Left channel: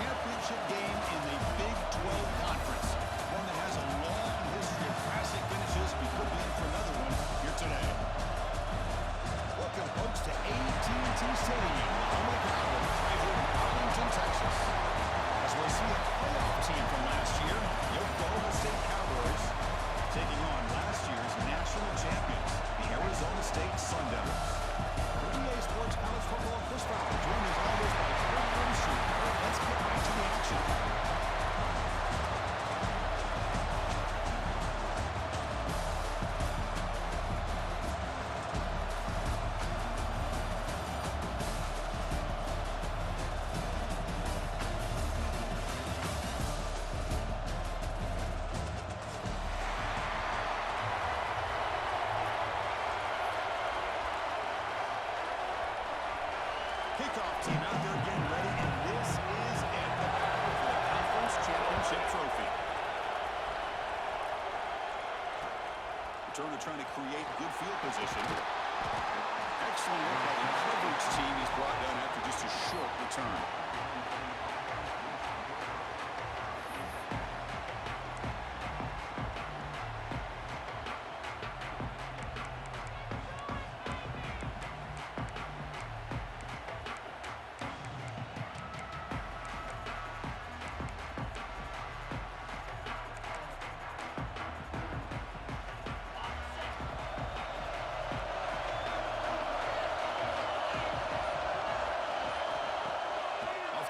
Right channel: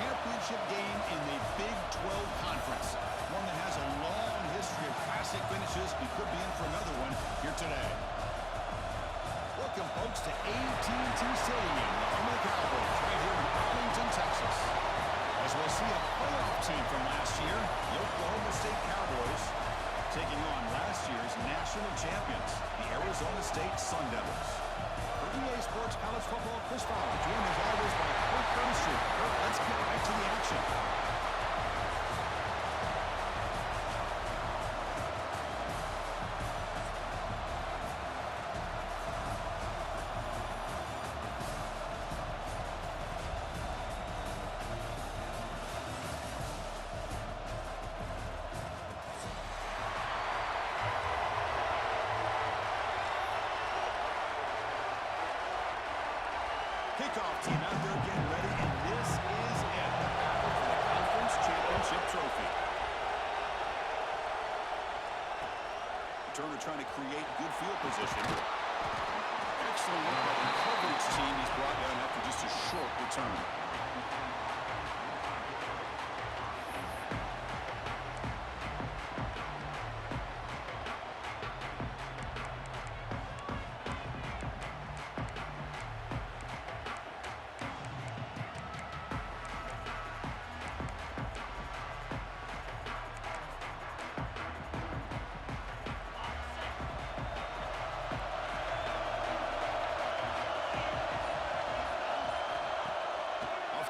championship game in the Big 12 Conference. One that has a long history of classic finishes. We could be in for another one here today. Welcome, folks, to AT&T Stadium, the home of the Cowboys, right here in Arlington, Texas. As we'll see a playoff team from last year, the Oklahoma State Cowboys, taking on last year's national champions, the Arizona State Sun Devils. For EA Sports College Football, Chris Fowler, joined as always by Kirk Herbstreit. Kirk, let's get right to the action. Kickoff team out there getting ready, and this is it, the battle for the conference championship trophy. Returner trying to create good field position. Excellent work by the coverage team he's brought down after just a short return.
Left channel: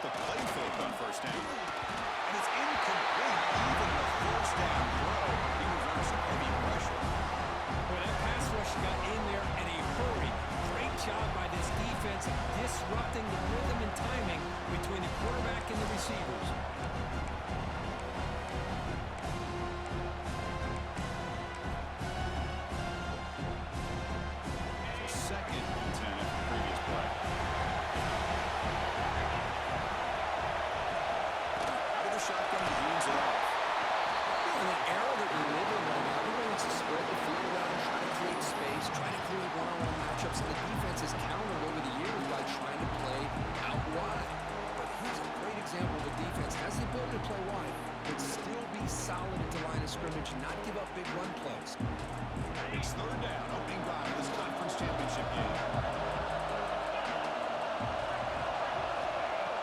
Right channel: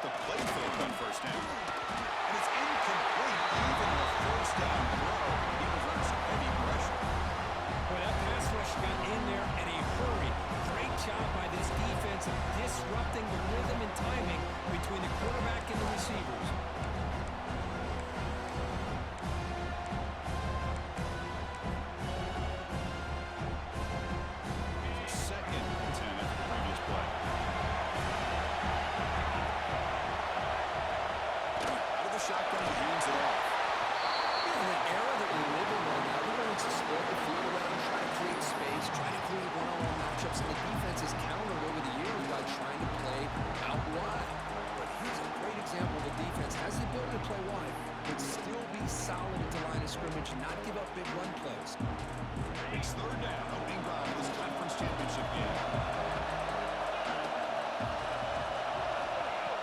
The playfield on first down. And it's incomplete. Even the first down throw, he was under some heavy pressure. Boy, that pass rush got in there in a hurry. Great job by this defense of disrupting the rhythm and timing between the quarterback and the receivers. So 2nd and 10 after the previous play. Shotgun, he hands it off. You know, in the era that we live in right now, everybody wants to spread the field around, try to create space, try to create one-on-one matchups, and the defense has countered over the years by trying to play out wide. But here's a great example of a defense has the ability to play wide, but still be solid at the line of scrimmage and not give up big run plays. It's 3rd down, opening drive of this conference championship game.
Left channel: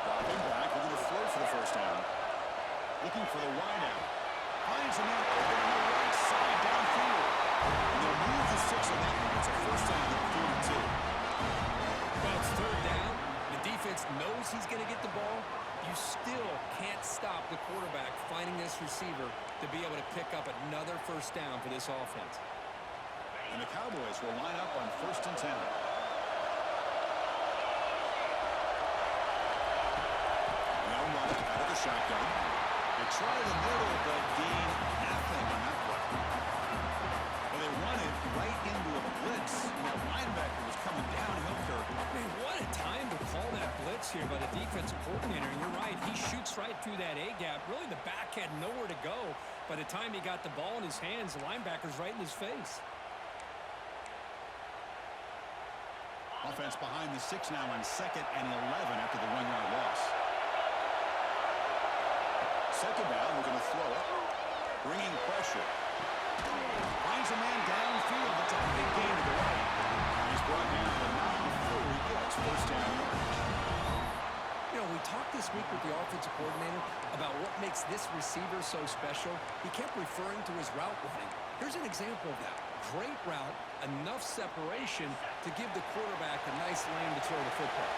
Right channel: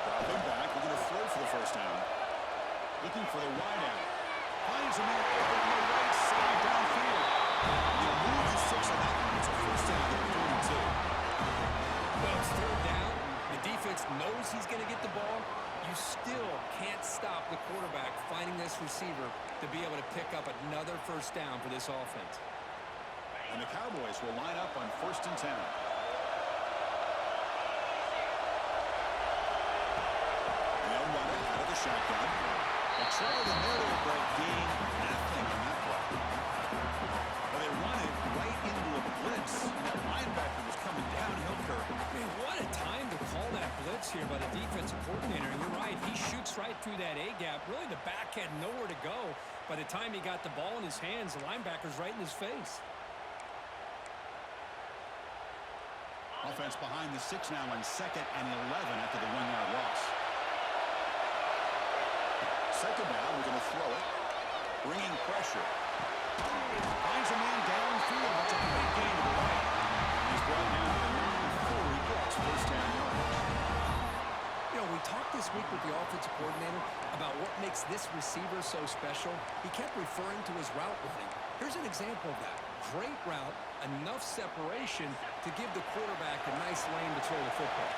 Dropping back, we're going to throw for the first down. Looking for the wideout. Finds a man open on the right side downfield. And they'll move the 6 on that one. It's a first down at the 42. Well, it's 3rd down. The defense knows he's going to get the ball. You still can't stop the quarterback finding this receiver to be able to pick up another first down for this offense. And the Cowboys will line up on 1st and 10. And they'll run it out of the shotgun. They try the middle, but gain nothing on that play. Well, they run it right into a blitz, and that linebacker was coming downhill, Kirk. Man, what a time to call that blitz here by the defensive coordinator. And you're right, he shoots right through that A-gap. Really, the back had nowhere to go. By the time he got the ball in his hands, the linebacker's right in his face. Offense behind the 6 now on 2nd and 11 after the 1-yard loss. 2nd down, we're going to throw it. Bringing pressure. Finds a man downfield. That's a big gain to the right. And he's brought down, but not before he gets first down yardage. You know, we talked this week with the offensive coordinator about what makes this receiver so special. He kept referring to his route running. Here's an example of that. Great route, enough separation to give the quarterback a nice lane to throw the football.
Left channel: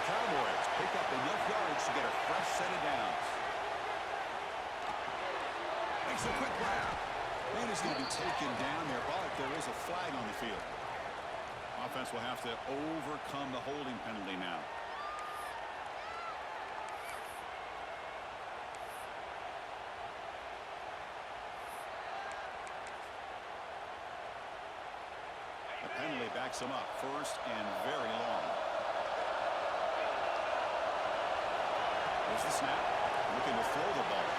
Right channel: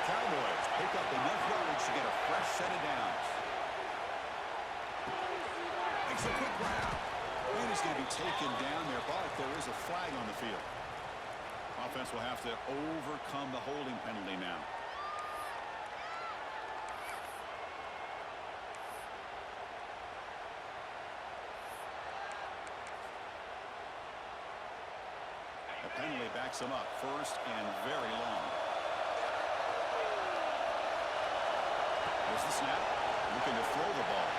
The Cowboys pick up enough yards to get a fresh set of downs. Makes a quick grab. And he's going to be taken down there, but there is a flag on the field. Offense will have to overcome the holding penalty now. The penalty backs him up, 1st and very long. There's the snap, looking to throw the ball.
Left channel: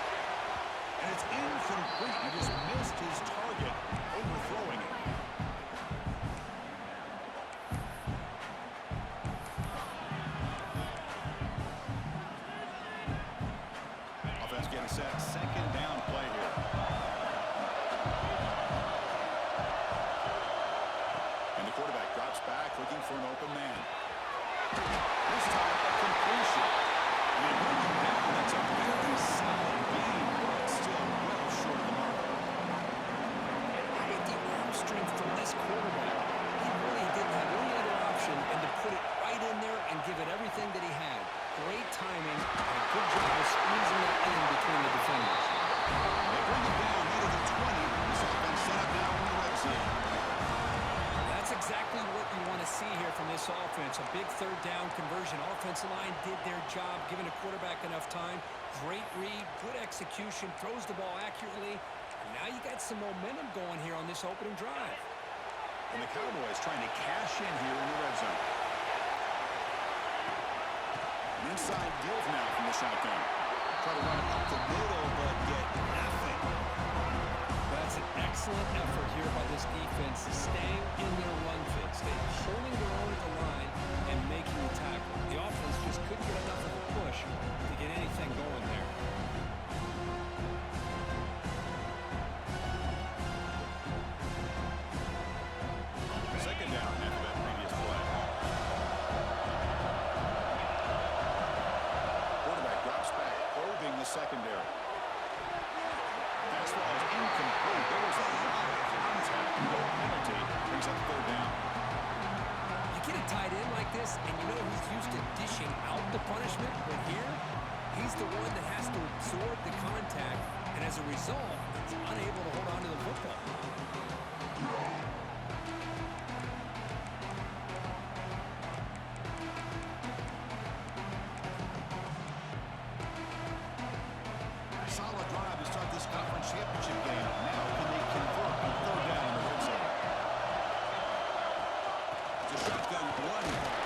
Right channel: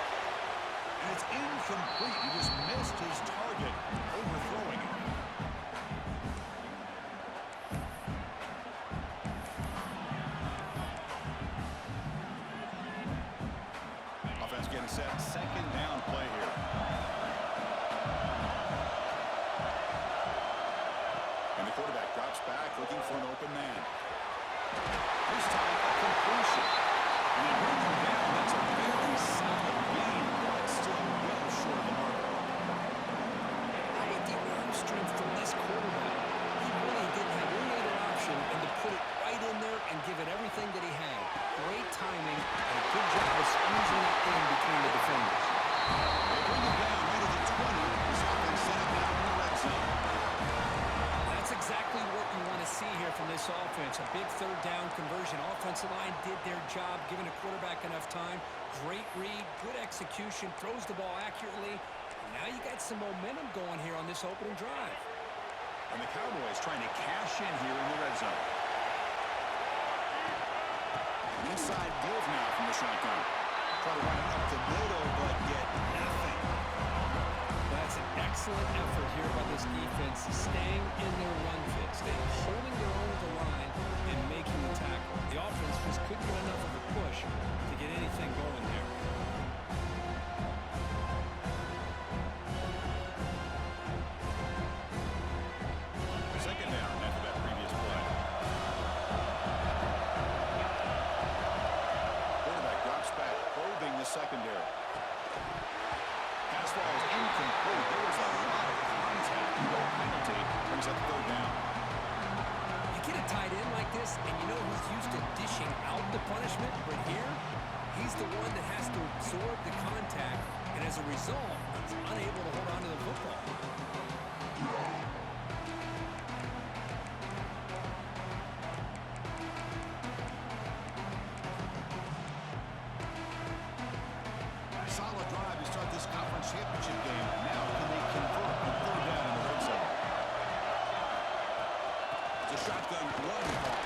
And it's incomplete. He just missed his target, overthrowing it. get a set. Second down play here. And the quarterback drops back looking for an open man. This time a completion. And they bring him down. That's a very solid gain, but still well short of the mark. How about the arm strength from this quarterback? He really didn't have any other option than to put it right in there and give it everything that he had. Great timing and a good job of squeezing that in between the defenders. They bring him down right at the 20. This offense set up now in the red zone. That's exactly what you want to see here from this offense. A big third down conversion. Offensive line did their job, giving the quarterback enough time. Great read, good execution, throws the ball accurately. And now you got some momentum going here on this opening drive. And the Cowboys trying to cash in here in the red zone. An inside give now from the shotgun. Try to run it up the middle, but get nothing. That's an excellent effort here by this defense, staying in their run fit, staying holding their own at the line and making the tackle. The offense just couldn't get enough of a push to get anything going there. Second down after that previous play. Quarterback drops back, probing the secondary. Pass ball is incomplete. There was a lot of contact. No penalty. Brings up third down. You get a tight end like this, and you know he's used to dishing out the punishment, but here, he's the one that has to absorb the contact, and as a result, he's unable to hold on to the football. Solid drive to start this conference championship game. Now can they convert on third down in the red zone? It's a shotgun run call.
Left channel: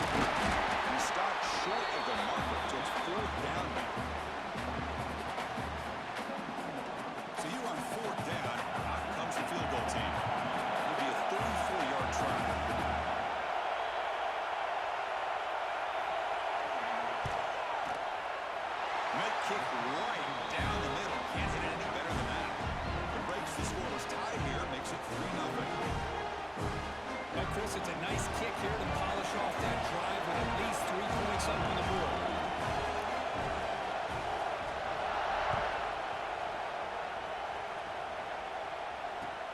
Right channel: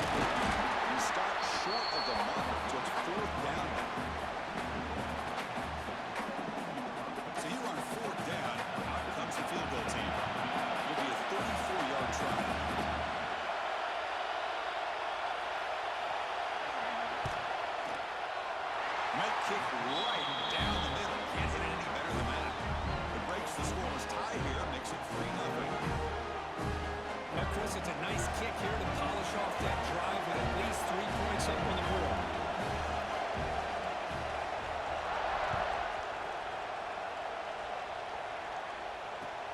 He stopped short of the marker, so it's fourth down now. So here on fourth down, out comes the field goal team. It'll be a 34-yard try. Might kick right down the middle. Can't hit it any better than that. It breaks the scoreless tie here, makes it 3-0. Well, Chris, it's a nice kick here to polish off that drive with at least 3 points up on the board.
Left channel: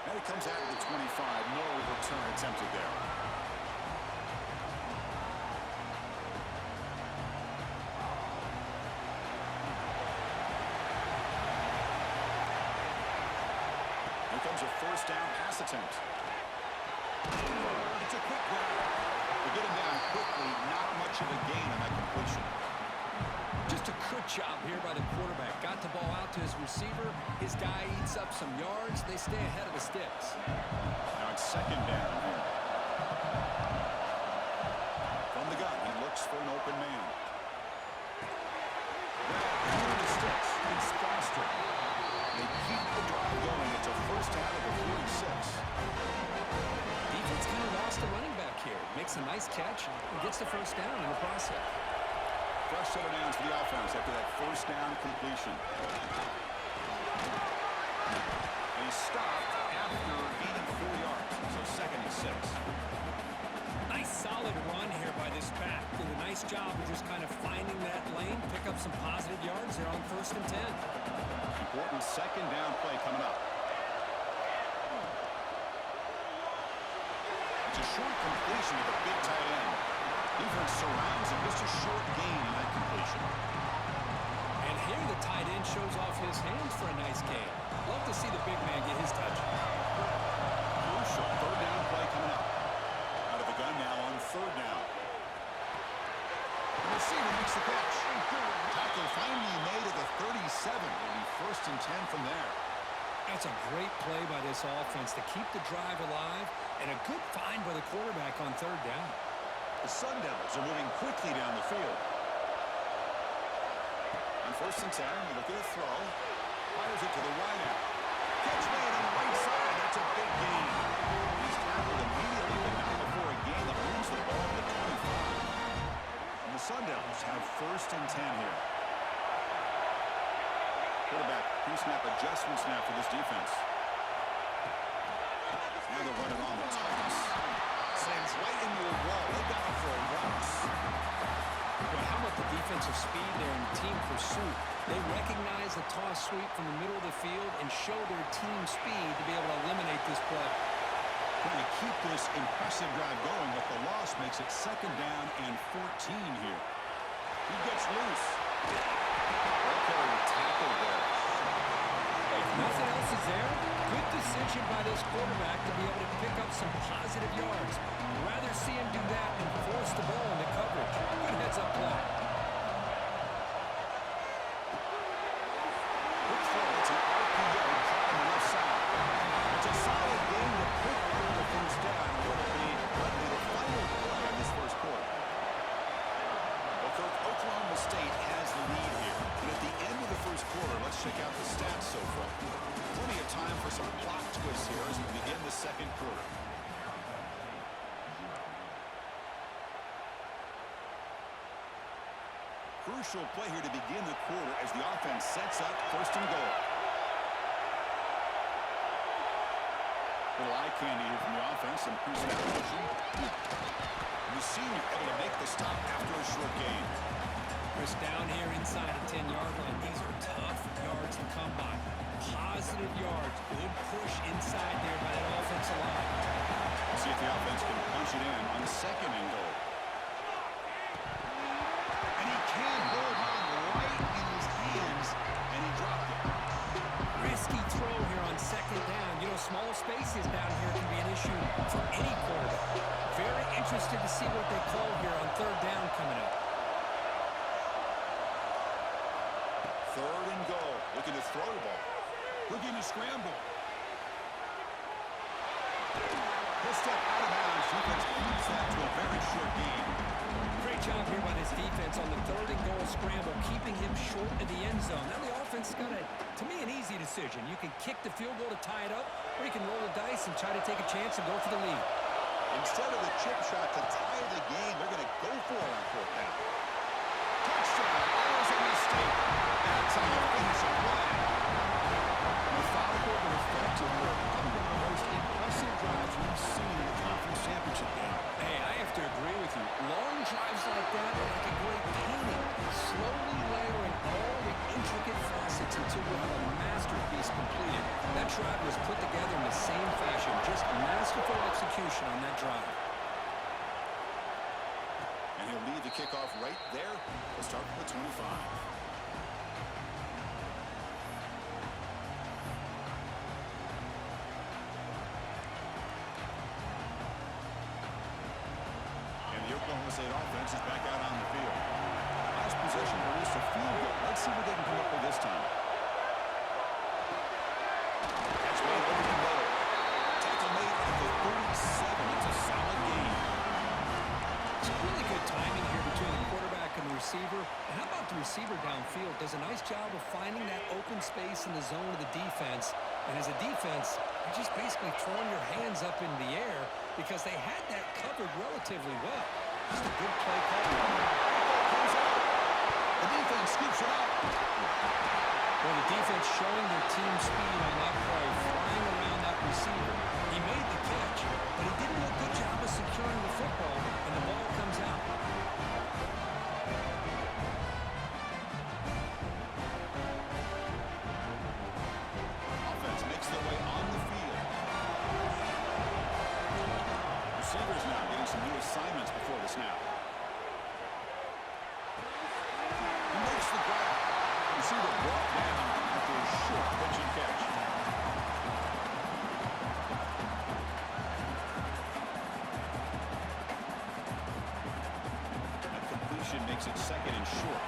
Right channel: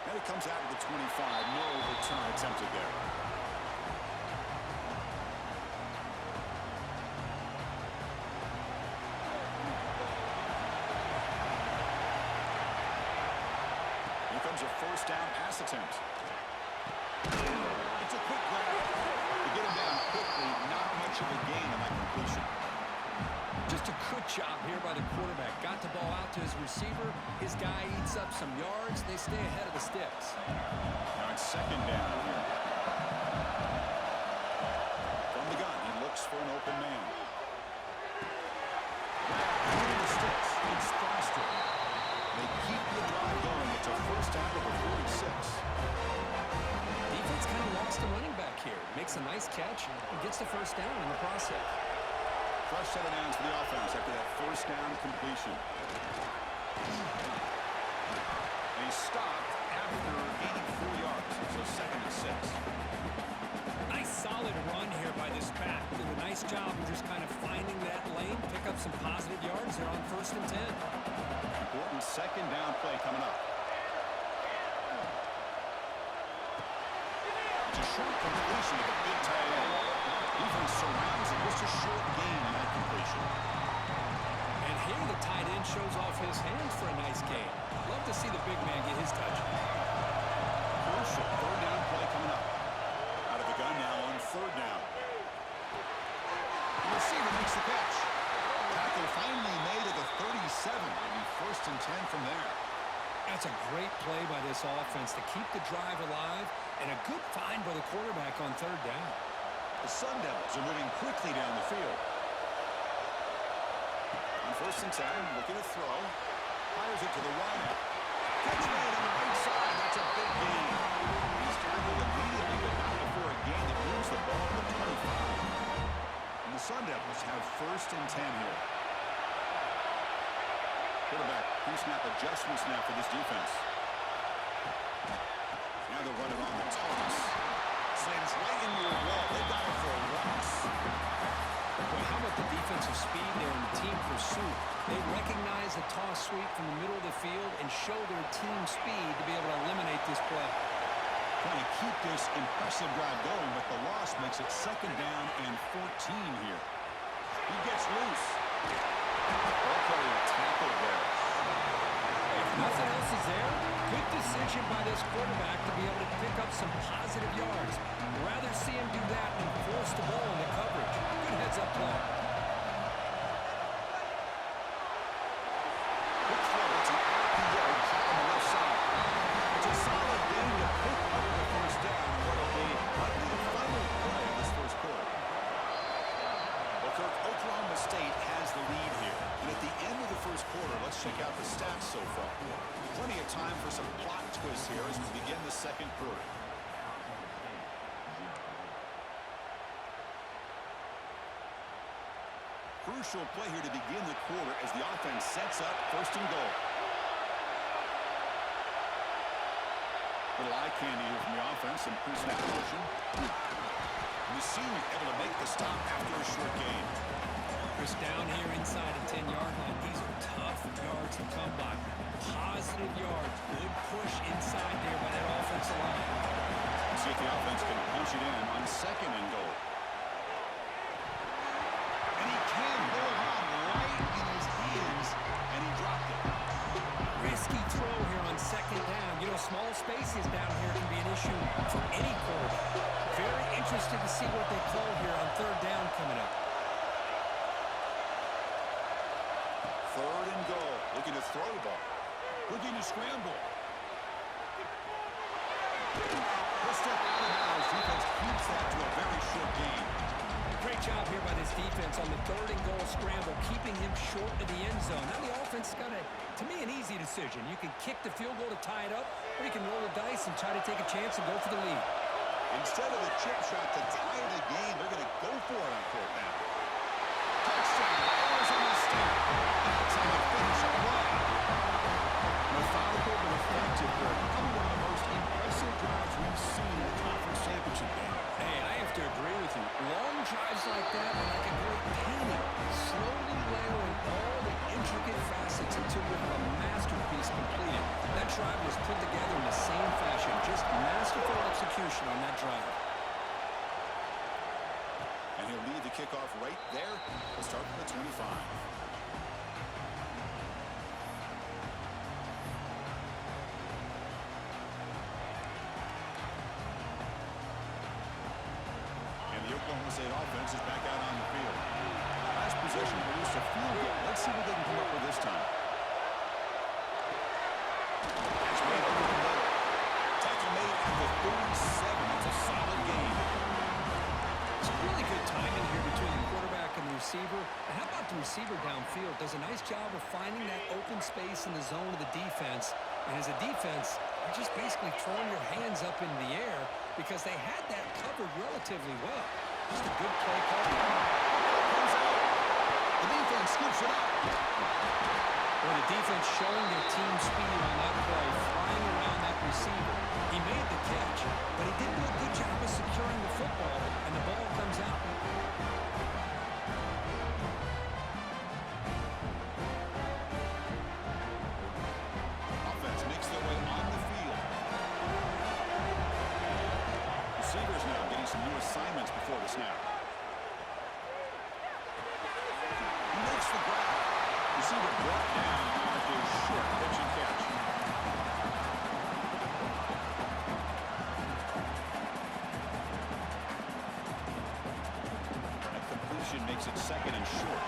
And it comes out of the 25. No return attempted there. Here comes a first down pass attempt. It's a quick grab. To get him down quickly, not much of a gain on that completion. Just a good job here by the quarterback. Got the ball out to his receiver. His guy eats up some yards. They stay ahead of the sticks. Now it's second down here. From the gun, he looks for an open man. Grab into the sticks. It's Foster. They keep the drive going. It's a first down of the 46. Defense kind of lost the running back here. Makes a nice catch and gets the first down in the process. Fresh set of downs for the offense after that first down completion. And he stopped after gaining 4 yards. So second and 6. Nice solid run here by this back. Did a nice job of just kind of finding that lane, pick up some positive yards there on first and 10. Important second down play coming up. It's a short completion of a big tight end. Defense surrounds him. Just a short gain on that completion. And here the tight end shows off his hands for a nice gain. Love to see the big man get his touch. Crucial third down play coming up. Out of the gun now on third down. The receiver makes the catch. Tackle finally made at the 37. It'll be first and 10 from there. That's a great play by this offense to keep the drive alive, and a good find by the quarterback on third down. The Sun Devils are moving quickly down the field. On first and 10, looking to throw. Fires it to the wideout. Catch made on the right side. That's a big gain. He's tackled immediately, but not before a gain that moves the ball to the 25. And the Sun Devils have first and 10 here. Quarterback pre-snap adjustments now for this defense. Now they're running on the toss. Slams right into a wall. They got him for a loss. Well, how about the defensive speed there in the team pursuit? They recognize the toss sweep from the middle of the field and show their team speed to be able to eliminate this play. Trying to keep this impressive drive going, but the loss makes it 2nd down and 14 here. He gets loose. Ball carrier tackled there. If nothing else is there, good decision by this quarterback to be able to pick up some positive yards. Rather see him do that than force the ball into coverage. Good heads-up play. Quick throw. It's an RPO caught on the left side. It's a solid game to pick up the first down and what will be likely the final play of this first quarter. Well, Kirk, Oklahoma State has the lead here. And at the end of the first quarter, let's check out the stats so far. Plenty of time for some plot twists here as we begin the second quarter. Crucial play here to begin the quarter as the offense sets up 1st and goal. Little eye candy here from the offense, some pre-snap motion. The senior able to make the stop after a short gain. Chris, down here inside the 10-yard line. These are tough yards to come by. Positive yards. Good push inside there by that offensive line. Let's see if the offense can punch it in on 2nd and goal. And he can hold on right in his hands, and he dropped it. Risky throw here on 2nd down. You know, small spaces down here can be an issue for any quarterback. Very interested to see what they call here on 3rd down coming up. 3rd and goal. Looking to throw the ball. Looking to scramble. He'll step out of bounds. Defense keeps that to a very short gain. Great job here by this defense on the 3rd and goal scramble, keeping him short of the end zone. Now the offense has got, to me, an easy decision. You can kick the field goal to tie it up, or you can roll the dice and try to take a chance and go for the lead. Instead of the chip shot to tie the game, they're going to go for it on 4th down. Touchdown, Arizona State. That's how you finish a play. Methodical but effective work. Probably one of the most impressive drives we've seen in the conference championship game. Hey, I have to agree with you. Long drives like that are like a great painting, slowly layering all the intricate facets until you have a masterpiece completed. That drive was put together in the same fashion, just masterful execution on that drive. And he'll lead the kickoff right there. We'll start from the 25. Oklahoma State offense is back out on the field. Last possession produced a field goal. Let's see what they can come up with this time. Catch made over the middle. Tackle made at the 37. It's a solid gain. It's really good timing here between the quarterback and the receiver. And how about the receiver downfield? Does a nice job of finding that open space in the zone of the defense. And as a defense, you're just basically throwing your hands up in the air because they had that covered relatively well. Just a good play call. Football comes out. The defense scoops it up. Well, the defense showing their team speed on that play, flying around that receiver. He made the catch, but he didn't do a good job of securing the football, and the ball comes out. Offense makes their way on the field. Receivers now getting some new assignments before the snap. He makes the grab. Receiver brought down after a short pitch and catch. That completion makes it 2nd and short.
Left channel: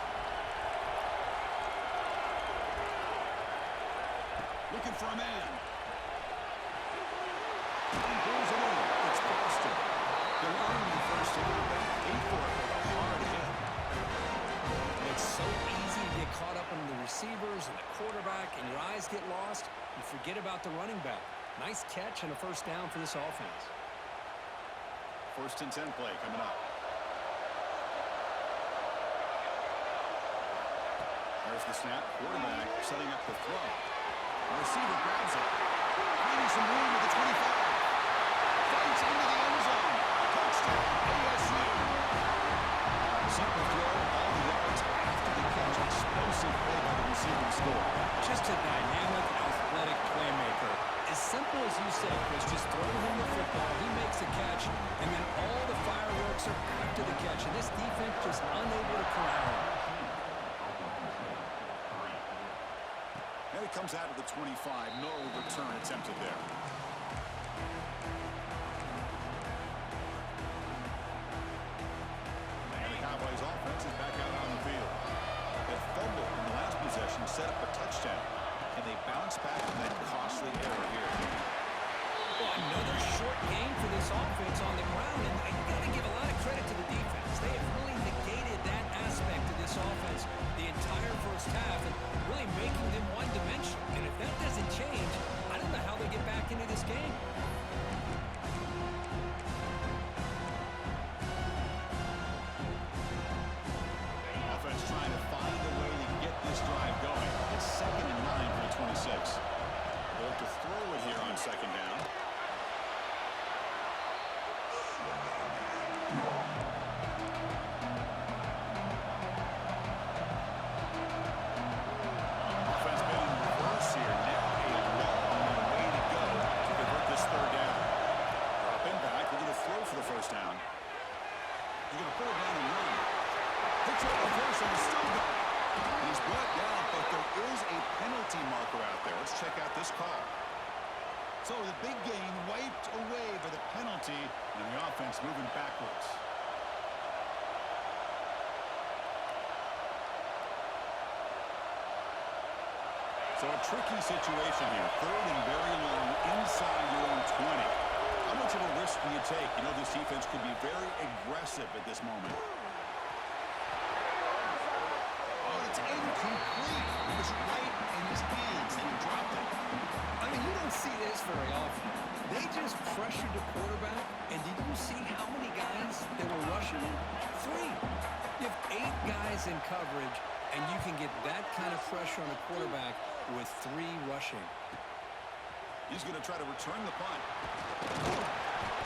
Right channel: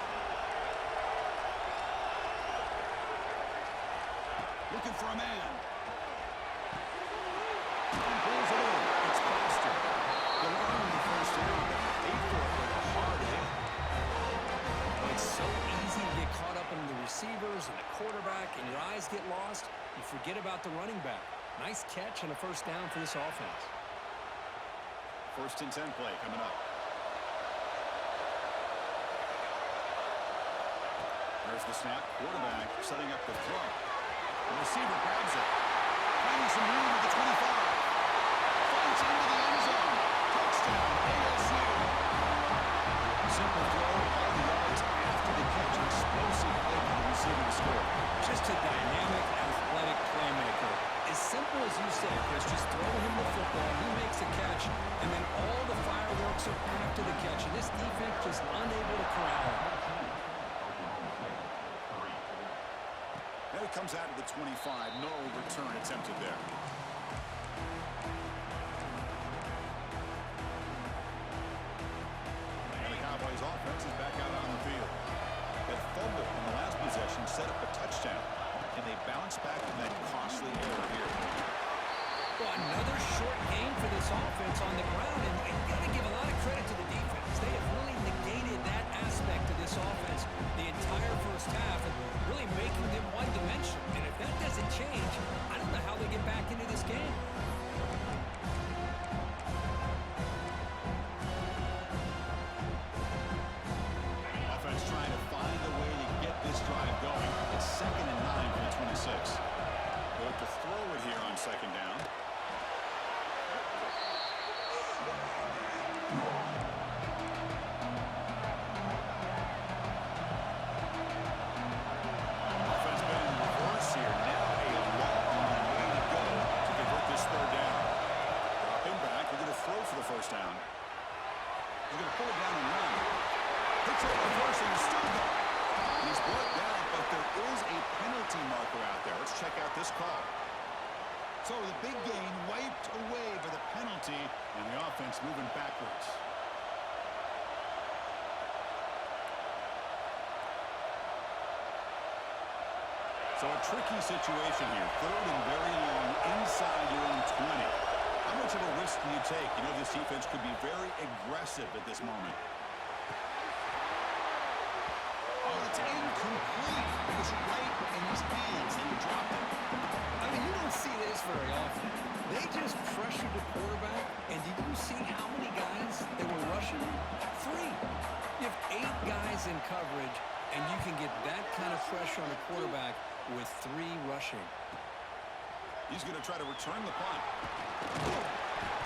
Looking for a man. And pulls it in. It's Foster. They'll earn the first down, but pay for it with a hard hit. It's so easy to get caught up in the receivers and the quarterback, and your eyes get lost. You forget about the running back. Nice catch and a first down for this offense. 1st and 10 play coming up. There's the snap. Quarterback setting up the throw. The receiver grabs it. Finding some room at the 25. Fights into the end zone. Touchdown, ASU. Simple throw, all the yards after the catch. Explosive play by the receiver to score. Just a dynamic, athletic playmaker. As simple as you said, Chris, just throw him the football, he makes a catch, and then all the fireworks are after the catch, and this defense just unable to corral him. Now he comes out of the 25. No return attempted there. And the Cowboys offense is back out on the field. That fumble in the last possession set up a touchdown. Can they bounce back from that costly error here? Well, another short gain for this offense on the ground, and you got to give a lot of credit to the defense. They have really negated that aspect of this offense the entire first half and really making them one-dimensional. And if that doesn't change, I don't know how they get back into this game. Offense trying to find a way to get this drive going. It's 2nd and 9 for the 26. They'll have to throw it here on 2nd down. Offense been in reverse here. Now a long way to go to convert this 3rd down. Dropping back. We're going to throw for the 1st down. He's going to pull it down and run. Hits it reverse and is still going. And he's brought down, but there is a penalty marker out there. Let's check out this call. So the big gain wiped away by the penalty, and the offense moving backwards. So a tricky situation here. 3rd and very long inside your own 20. How much of a risk do you take? You know this defense could be very aggressive at this moment. Oh, it's incomplete. It was right in his hands, and he dropped it. I mean, you don't see this very often. They just pressured the quarterback, and did you see how many guys they were rushing him? 3. You have 8 guys in coverage, and you can get that kind of pressure on a quarterback with 3 rushing. He's going to try to return the punt.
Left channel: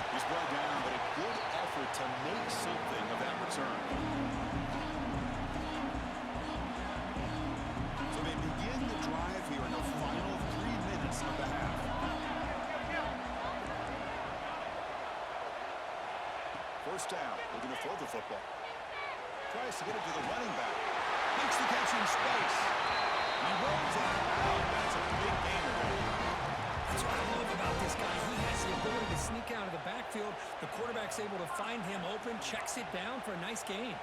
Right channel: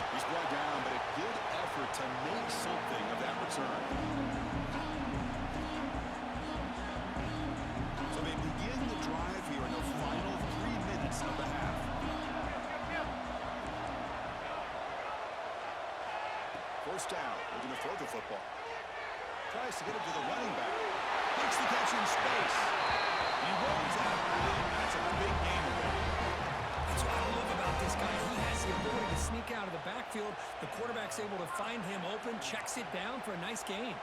He's brought down, but a good effort to make something of that return. So they begin the drive here in the final 3 minutes of the half. First down. We're going to throw the football. Tries to get it to the running back. Makes the catch in space. He rolls out of bounds. That's a big gainer there. That's what I love about this guy. He has the ability to sneak out of the backfield. The quarterback's able to find him open, checks it down for a nice gain.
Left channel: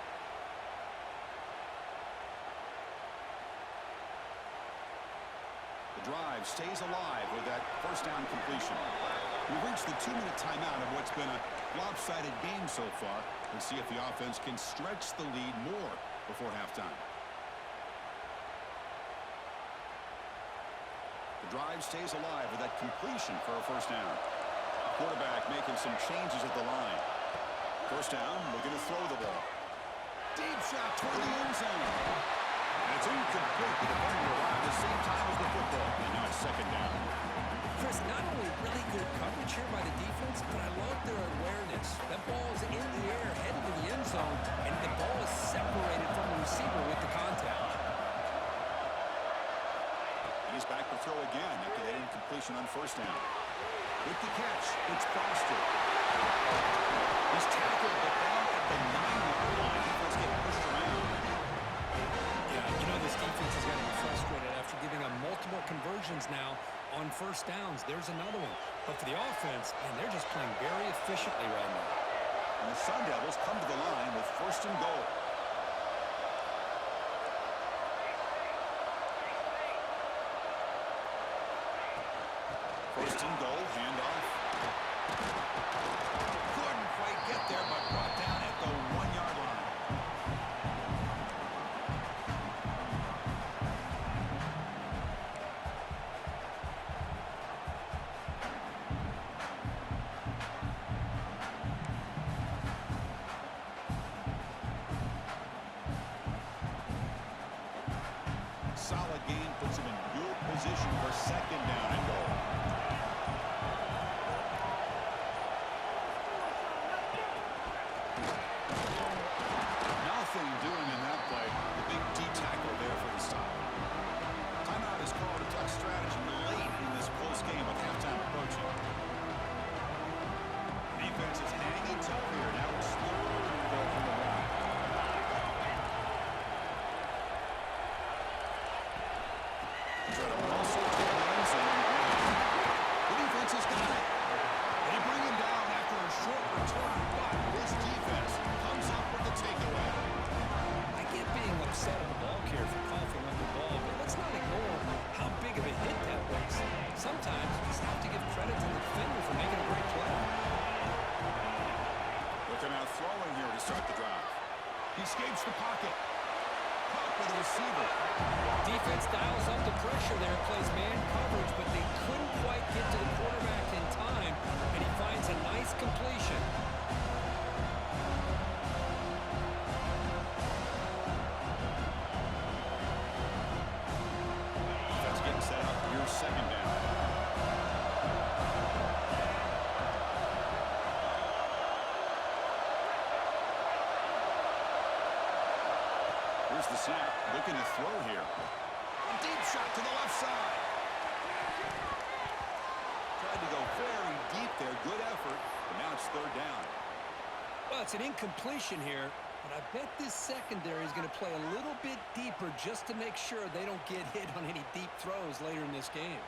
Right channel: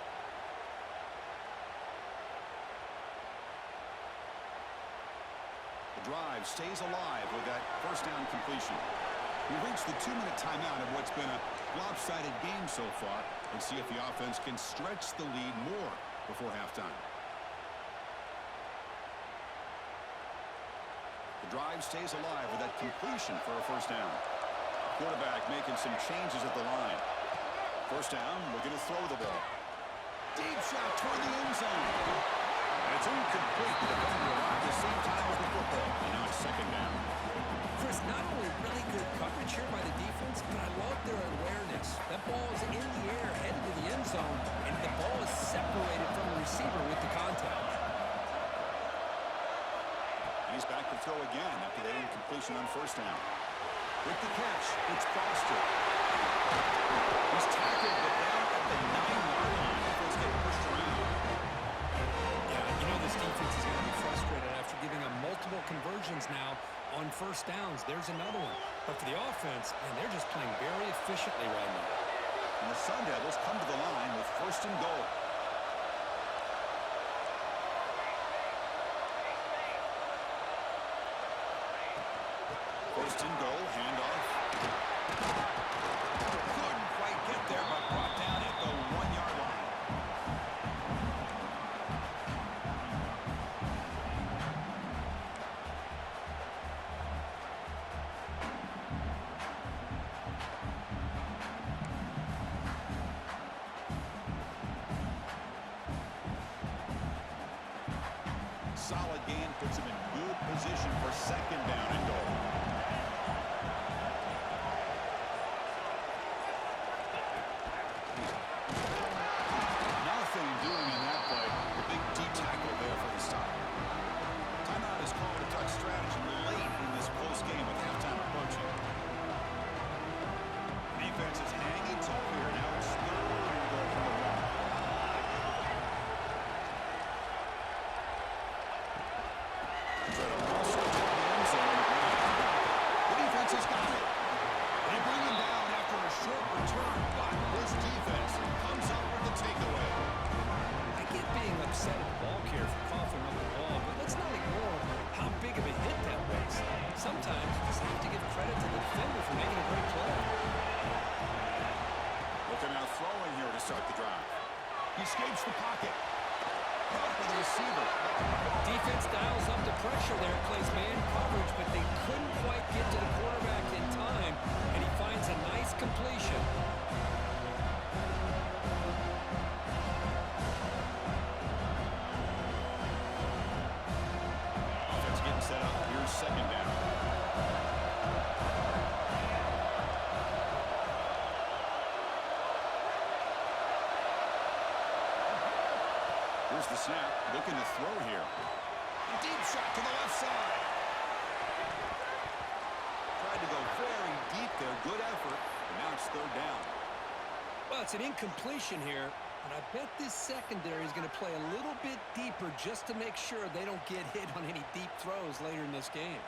The drive stays alive with that first down completion. We've reached the 2-minute timeout of what's been a lopsided game so far. Let's see if the offense can stretch the lead more before halftime. The drive stays alive with that completion for a first down. The quarterback making some changes at the line. First down, we're going to throw the ball. Deep shot toward the end zone. And it's incomplete. The defender arrived at the same time as the football. And now it's 2nd down. Chris, not only really good coverage here by the defense, but I love their awareness. That ball is in the air, headed to the end zone, and the ball is separated from the receiver with the contact. He's back to throw again after that incompletion on first down. With the catch, it's Foster. He's tackled, but down at the 9-yard line. Defense getting pushed around. Yeah, you know this defense is going to be frustrated after giving them multiple conversions now on first downs. There's another one. But for the offense, man, they're just playing very efficiently right now. And the Sun Devils come to the line with 1st and goal. First and goal, handoff. Couldn't quite get there, but brought down at the 1-yard line. solid gain puts him in good position for second down and goal. Nothing doing in that play. The big D tackle there for the stop. Timeout is called a duck strategy late in this close game with halftime approaching. Defense is hanging tough here. Now it's third and goal from the one. Try to muscle toward the end zone on the ground. The defense has got it. They bring him down after a short return, but this defense comes up with the takeaway. I get being upset at the ball carrier for coughing up the ball, but let's not ignore how big of a hit that was. Sometimes you just have to give credit to the defender for making a great play. Looking out throwing here to start the drive. He escapes the pocket. Caught by the receiver. Defense dials up the pressure there, plays man coverage, but they couldn't quite get to the quarterback in time, and he finds a nice completion. Defense getting set up. Here's second down. Here's the snap, looking to throw here. A deep shot to the left side. Tried to go very deep there, good effort, but now it's third down. Well, it's an incompletion here, but I bet this secondary is going to play a little bit deeper just to make sure they don't get hit on any deep throws later in this game.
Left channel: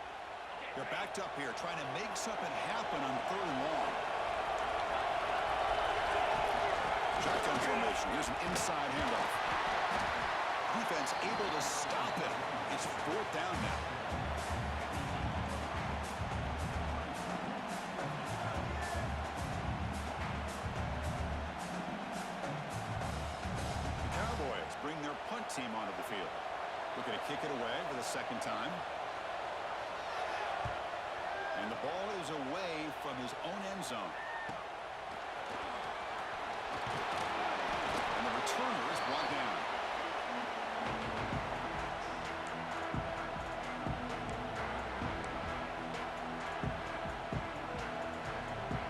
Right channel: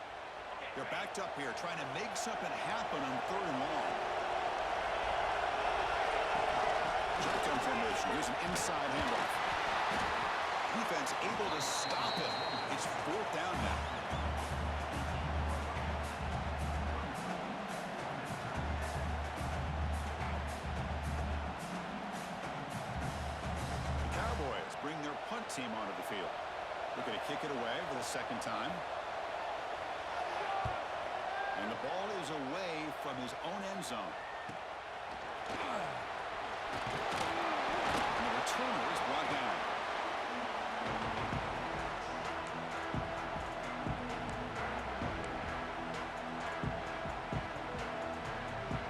They're backed up here, trying to make something happen on third and long. Shotgun formation, here's an inside handoff. Defense able to stop him. It's fourth down now. The Cowboys bring their punt team onto the field. Looking to kick it away for the second time. And the ball is away from his own end zone. And the returner is brought down.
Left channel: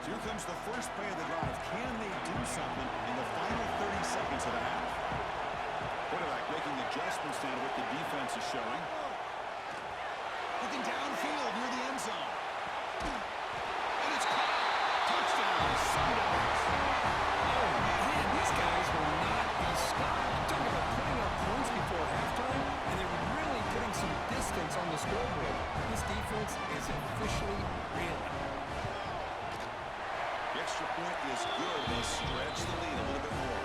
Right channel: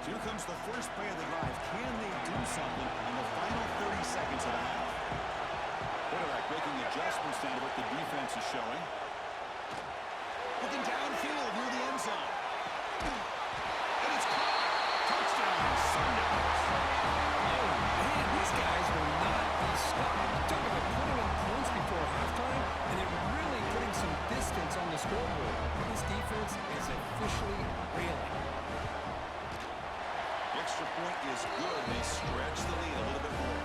Here comes the first play of the drive. Can they do something in the final 30 seconds of the half? Quarterback making adjustments now to what the defense is showing. Looking downfield near the end zone. And it's caught. Touchdown, Sundowns. Oh, man, these guys will not be stopped. Talk about putting up points before halftime, and they're really putting some distance on the scoreboard. This defense is officially reeling. The extra point is good. They stretch the lead a little bit more.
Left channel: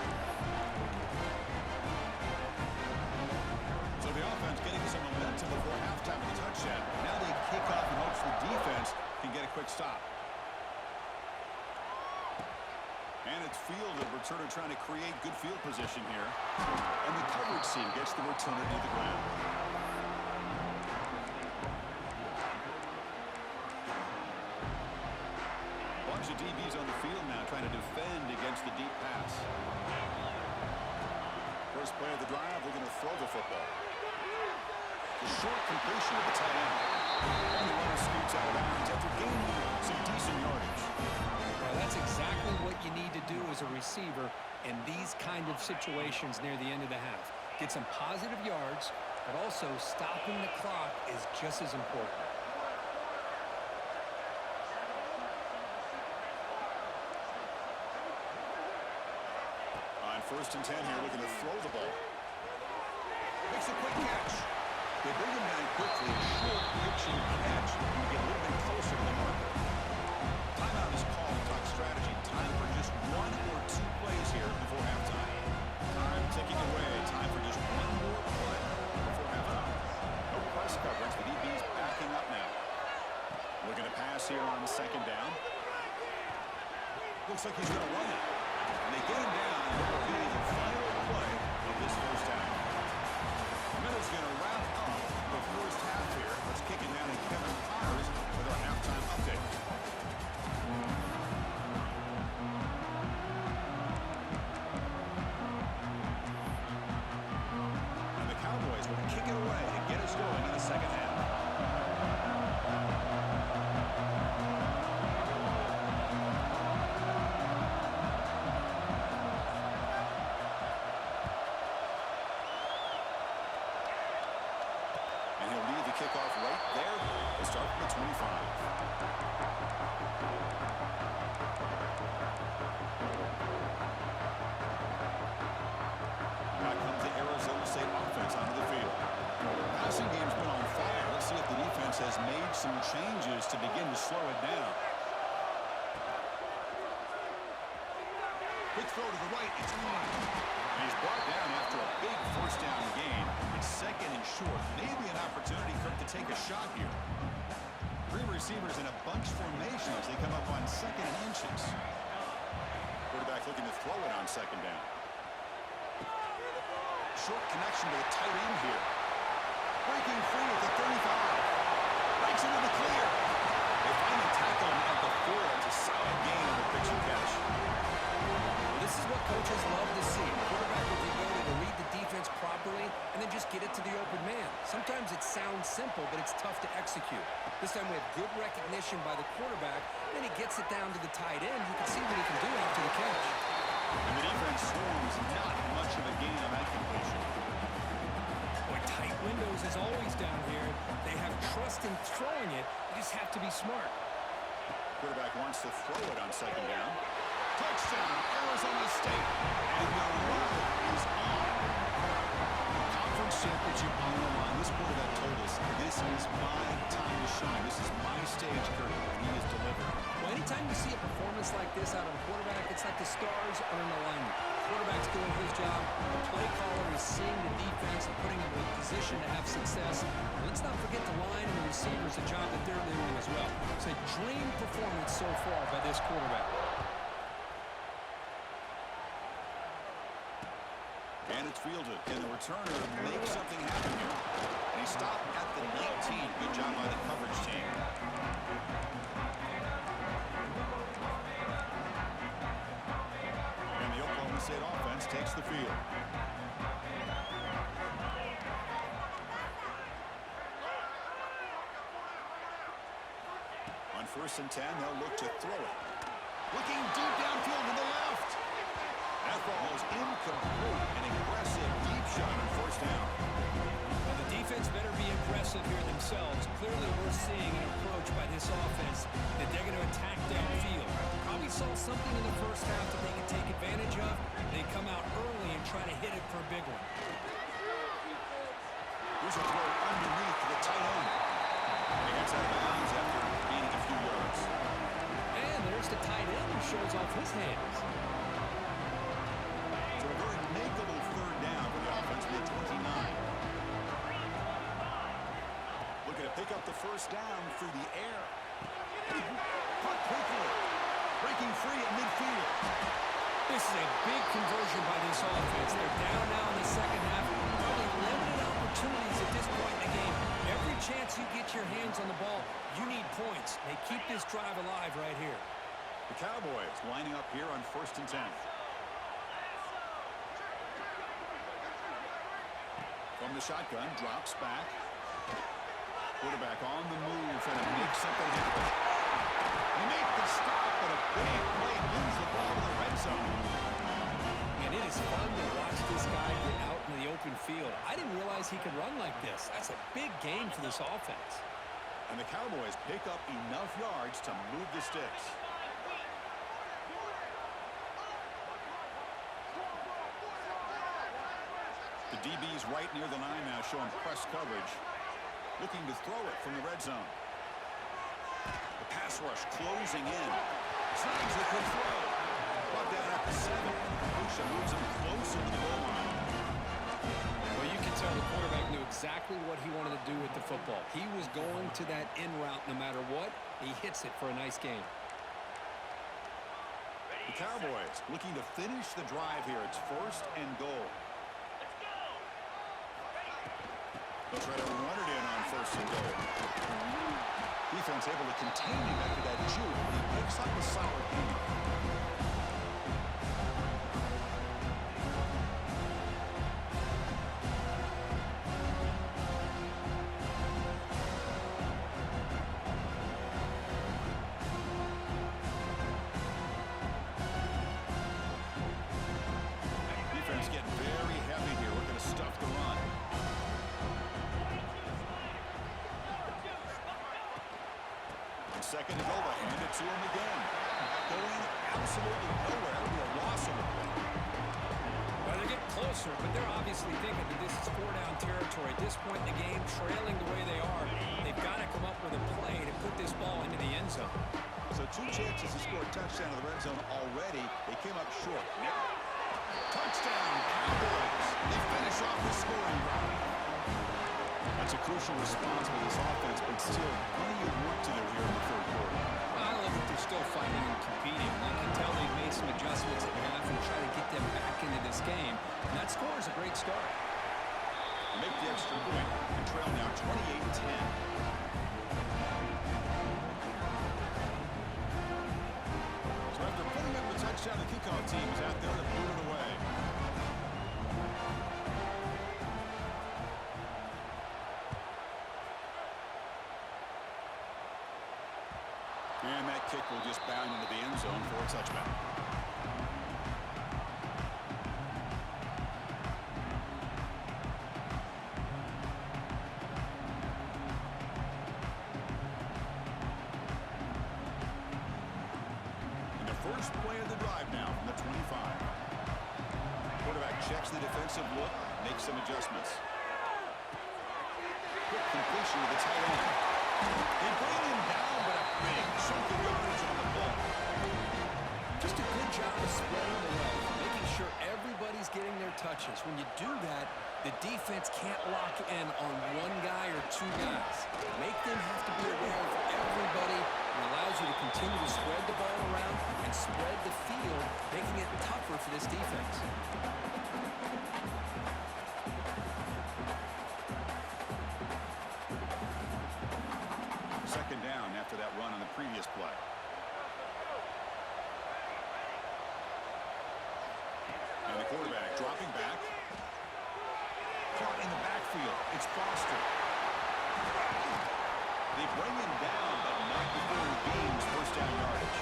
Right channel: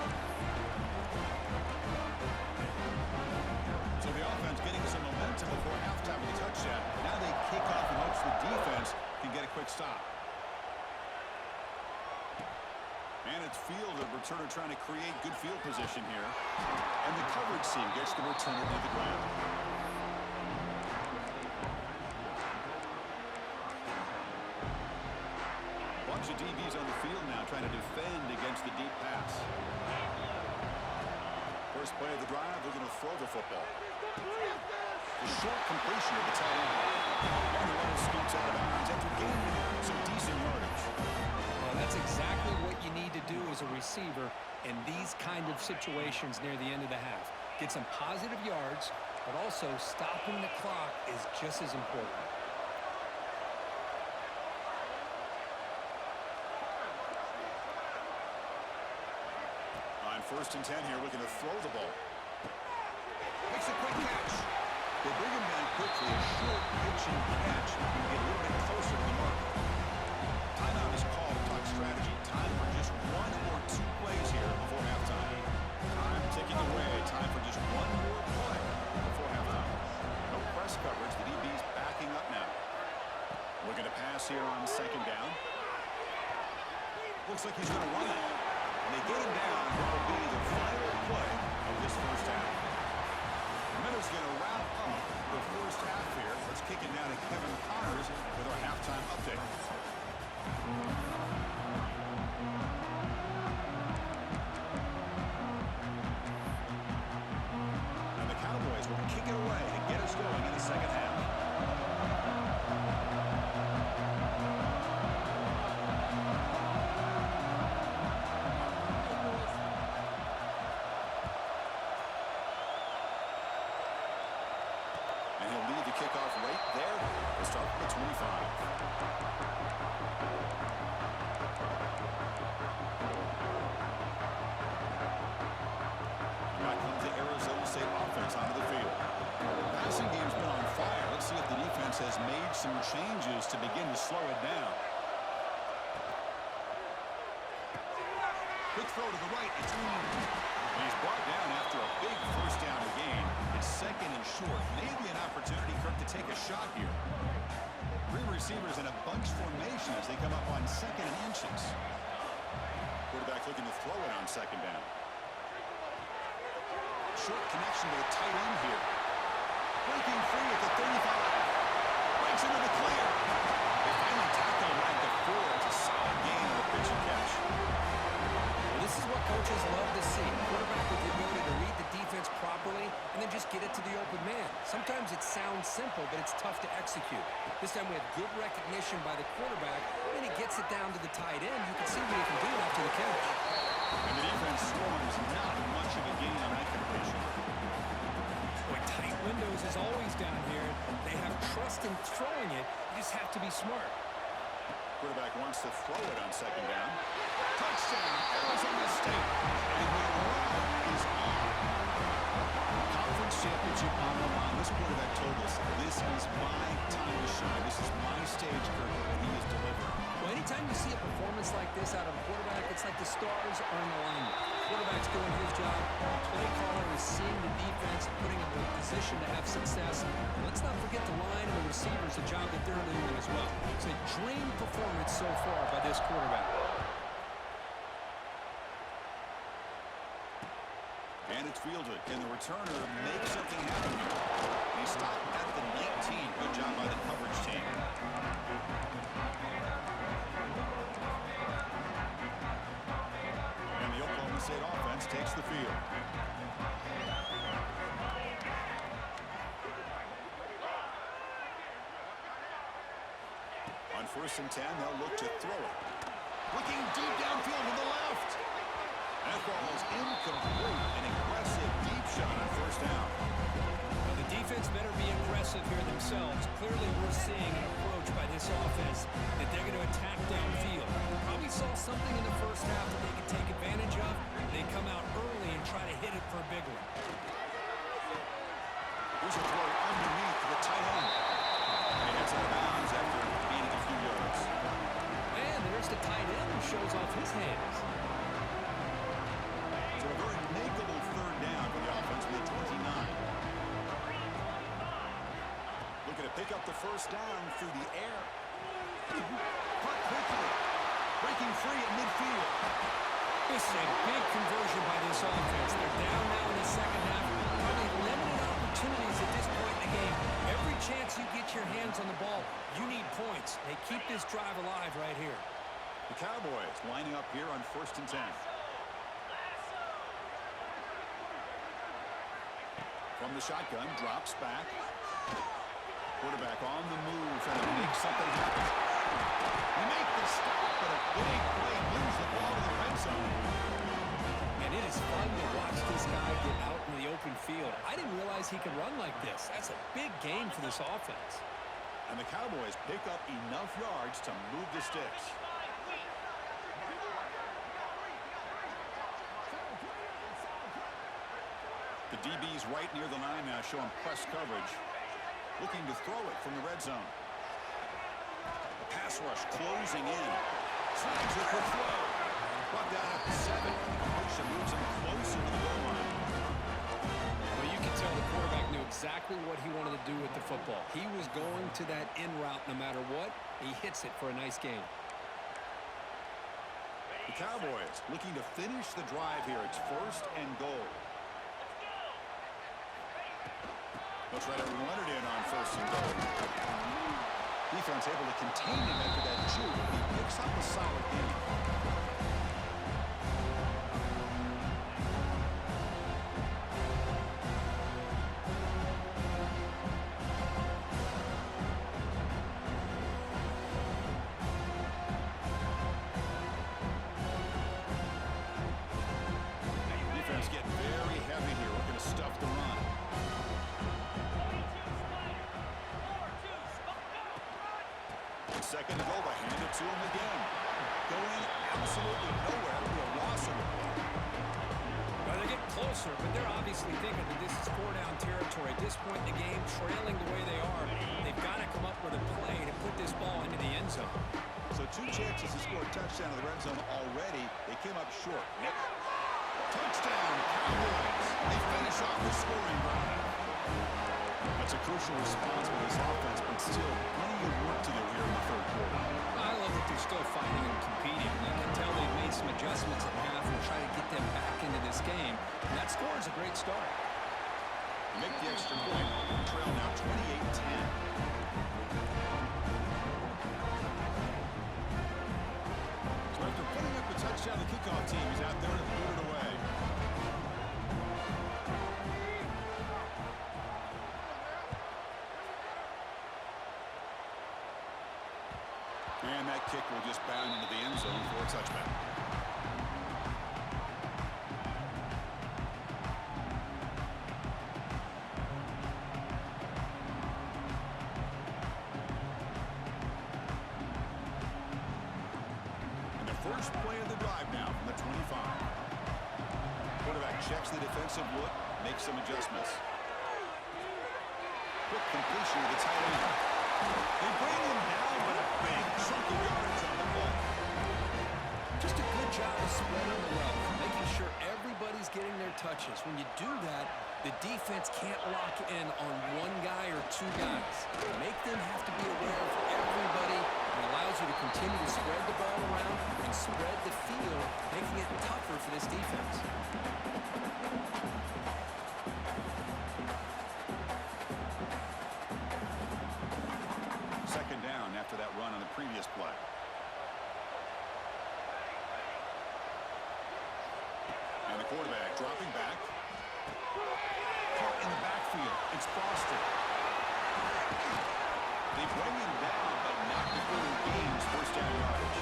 So the offense getting some momentum before halftime with a touchdown. Now they kick off in hopes the defense can get a quick stop. And it's fielded. Returner trying to create good field position here. And the coverage team gets the returner to the ground. Bunch of DBs on the field now trying to defend against the deep pass. First play of the drive, looking to throw the football. The short completion of the tight end. And the runner scoots out of bounds after gaining some decent yardage. Well, that's exactly what you need to do as a receiver in these kind of situations near the end of the half. Get some positive yards, but also stopping the clock is just as important. On 1st and 10 here, looking to throw the ball. Makes a quick catch. They bring him down quickly. A short pitching catch and get a little bit closer to the marker. Timeout is called to talk strategy. Time for just one or two plays here before halftime. Time ticking away. Time for just one more play before halftime. No press coverage. The DB's backing up now. Looking to pass here on second down. Looks like he's going to run it. And they get him down. What will be the final play of this first half. Miller's going to wrap up the first half here. Let's kick it now to Kevin Connors with our halftime update. And the Cowboys will kick it away to get us And he'll lead the kickoff right there. We'll start from the 25. And back comes the Arizona State offense onto the field. The passing game's been on fire. Let's see if the defense has made some changes to begin to slow it down. Quick throw to the right. It's caught. And he's brought down after a big first down gain. It's second and short. Maybe an opportunity, Kirk, to take a shot here. Three receivers in a bunch formation as they come up on second and inches. Quarterback looking to throw it on second down. Short connection to the tight end here. Breaking free at the 35. Breaks into the clear. They finally tackle him at the 4. It's a solid gain on the pitch and catch. This is what coaches love to see. A quarterback with the ability to read the defense properly and then just get it to the open man. Sometimes it sounds simple, but it's tough to execute. This time we have good recognition by the quarterback. Then he gets it down to the tight end. You can see what he can do after the catch. And the defense swarms not much of a gain on that completion. Boy, tight windows is always down here. They have trust in throwing it. You just have to be smart. Quarterback wants to throw it on second down. Touchdown, Arizona State. And the route is on. Conference championship on the line. This quarterback told us, this is my time to shine. This is my stage, Kirk, and he is delivering. Well, anytime you see a performance like this out of a quarterback, it's like the stars are in alignment. The quarterback's doing his job. The play caller is seeing the defense and putting him in a position to have success. And let's not forget the line and the receivers, the job that they're doing as well. It's a dream performance so far by this quarterback. And it's fielded. Can the returner make something happen here? And he stopped at the 19. Good job by the coverage team. And the Oklahoma State offense takes the field. On 1st and 10, they'll look to throw it. Looking deep downfield to the left. That ball's incomplete. An aggressive deep shot on 1st down. Well, the defense better be aggressive here themselves. Clearly, we're seeing an approach by this offense that they're going to attack downfield. Probably saw something in the first half that they could take advantage of. They come out early and try to hit it for a big one. Here's a throw underneath to the tight end. And he heads out of bounds after gaining a few yards. And there's the tight end who shows off his hands. So a very makeable 3rd down for the offense with 29. Looking to pick up the 1st down through the air. Caught quickly. Breaking free at midfield. This is a big conversion by this offense. They're down now in the second half. Probably limited opportunities at this point in the game. Every chance you get your hands on the ball, you need points. They keep this drive alive right here. The Cowboys lining up here on 1st and 10. From the shotgun, drops back. Quarterback on the move, trying to make something happen. They make the stop, but a big play moves the ball to the red zone. And it is fun to watch this guy get out in the open field. I didn't realize he could run like this. That's a big game for this offense. And the Cowboys pick up enough yards to move the sticks. The DB's right near the line now, showing press coverage. Looking to throw it from the red zone. The pass rush closing in. Snags the quick throw. Brought down at the 7. The completion moves him closer to the goal line. Well, you can tell the quarterback knew exactly what he wanted to do with the football. He was going to that in route no matter what. He hits it for a nice gain. The Cowboys looking to finish the drive here. It's 1st and goal. They'll try to run it in on 1st and goal. Defense able to contain him after that juke, but he picks up a solid gain. Defense getting very heavy here, looking to stuff the run. 2nd and goal to hand it to him again. Going absolutely nowhere. It'll be a loss on the play. Well, they're getting closer, but they're obviously thinking that this is 4-down territory. At this point in the game, trailing the way they are, they've got to come up with a play to put this ball into the end zone. So 2 chances to score a touchdown in the red zone already. They came up short. Touchdown, Cowboys. They finish off the scoring drive. That's a crucial response for this offense, but still plenty of work to do here in the 3rd quarter. I love that they're still fighting and competing. You can tell they've made some adjustments at half and try to get them back into this game. And that score is a great start. They make the extra point. The trail now 28-10. So after putting up the touchdown, the kickoff team is out there to boot it away. And that kick will just bound into the end zone for a touchback. And the first play of the drive now from the 25. Quarterback checks the defensive look, makes some adjustments. Quick completion with the tight end. They bring him down, but a big chunk of yardage on the play. Just a good job of spreading the wealth, making sure everybody's getting their touches. When you do that, the defense can't lock in on one guy or 2 guys. Make them have to be aware of everybody, and allows you to continue to spread the ball around and spread the field, making it tougher for this defense. 2nd down after that run on the previous play. And the quarterback dropping back. Caught in the backfield. It's Foster. They bring him down, but not before he gains 1st-down yardage.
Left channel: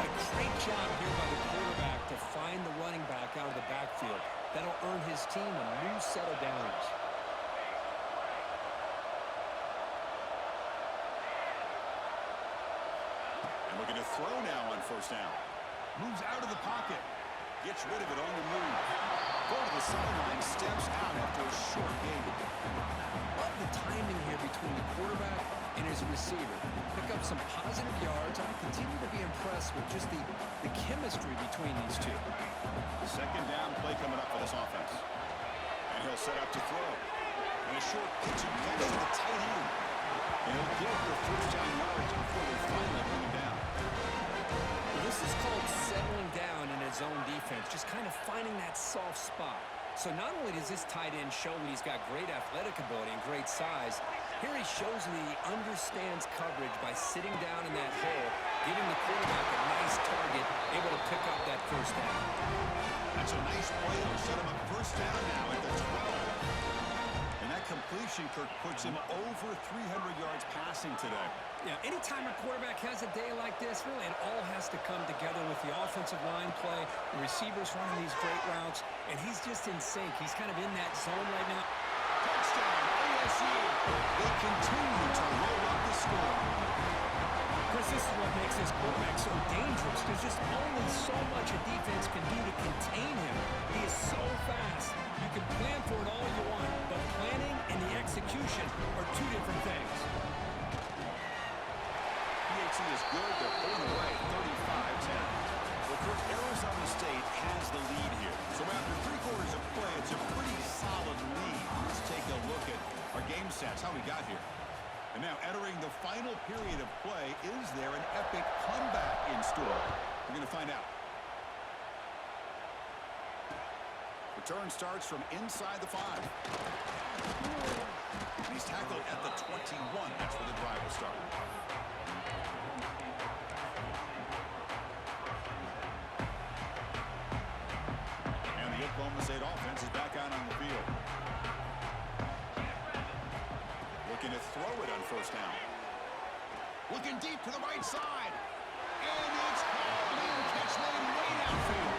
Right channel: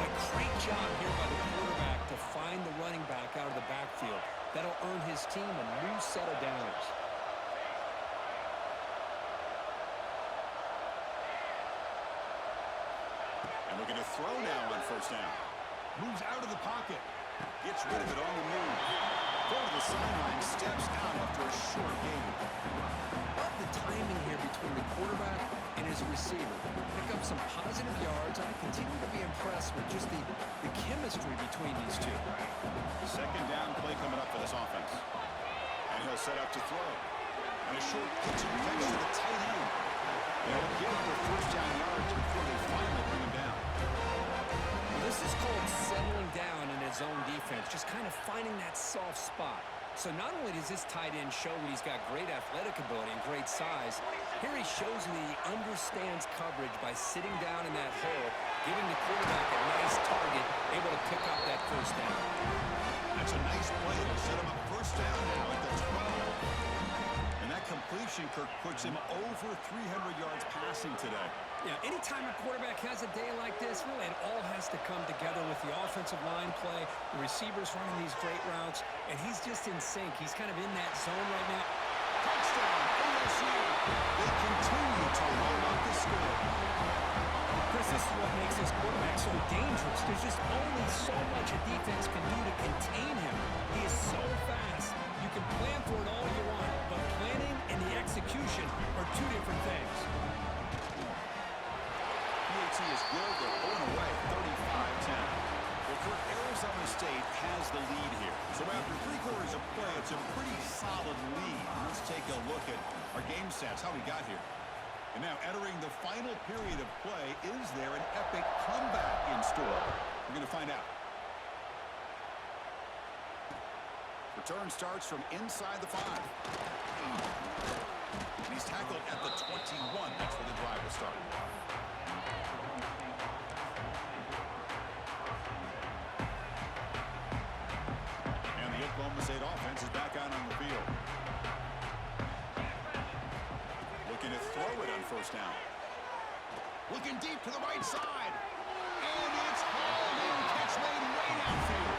Boy, great job here by the quarterback to find the running back out of the backfield. That'll earn his team a new set of downs. And looking to throw now on 1st down. Moves out of the pocket. Gets rid of it on the move. Go to the sideline, steps out after a short gain. Love the timing here between the quarterback and his receiver. Pick up some positive yards, and I continue to be impressed with just the chemistry between these two. 2nd down play coming up for this offense. And he'll set up to throw. And a short pitch and catch to the tight end. And he'll get their 1st-down yards before they finally bring him down. Well, this is called settling down in his own defense, just kind of finding that soft spot. So not only does this tight end show that he's got great athletic ability and great size, here he shows that he understands coverage by sitting down in that hole, giving the quarterback a nice target, able to pick up that 1st down. That's a nice play. It'll set him up 1st down now at the 12. And that completion, Kirk, puts him over 300 yards passing today. Yeah, anytime a quarterback has a day like this, really it all has to come together with the offensive line play, the receivers running these great routes, and he's just in sync. He's kind of in that zone right now. Touchdown, ASU. They continue to roll up the score. Chris, this is what makes this quarterback so dangerous. There's just only so much a defense can do to contain him. He is so fast. You can plan for it all you want, but planning and the execution are 2 different things. PAT is good. They're pulling away 35-10. Well, Kirk, Arizona State has the lead here. So after 3 quarters of play, it's a pretty solid lead. Let's take a look at our game stats, how we got here. And now entering the final period of play, is there an epic comeback in store? We're going to find out. Return starts from inside the 5. And he's tackled at the 21. That's where the drive will start. And the Oklahoma State offense is back out on the field. Looking to throw it on 1st down. Looking deep to the right side. And it's hauled in. Catch made way downfield.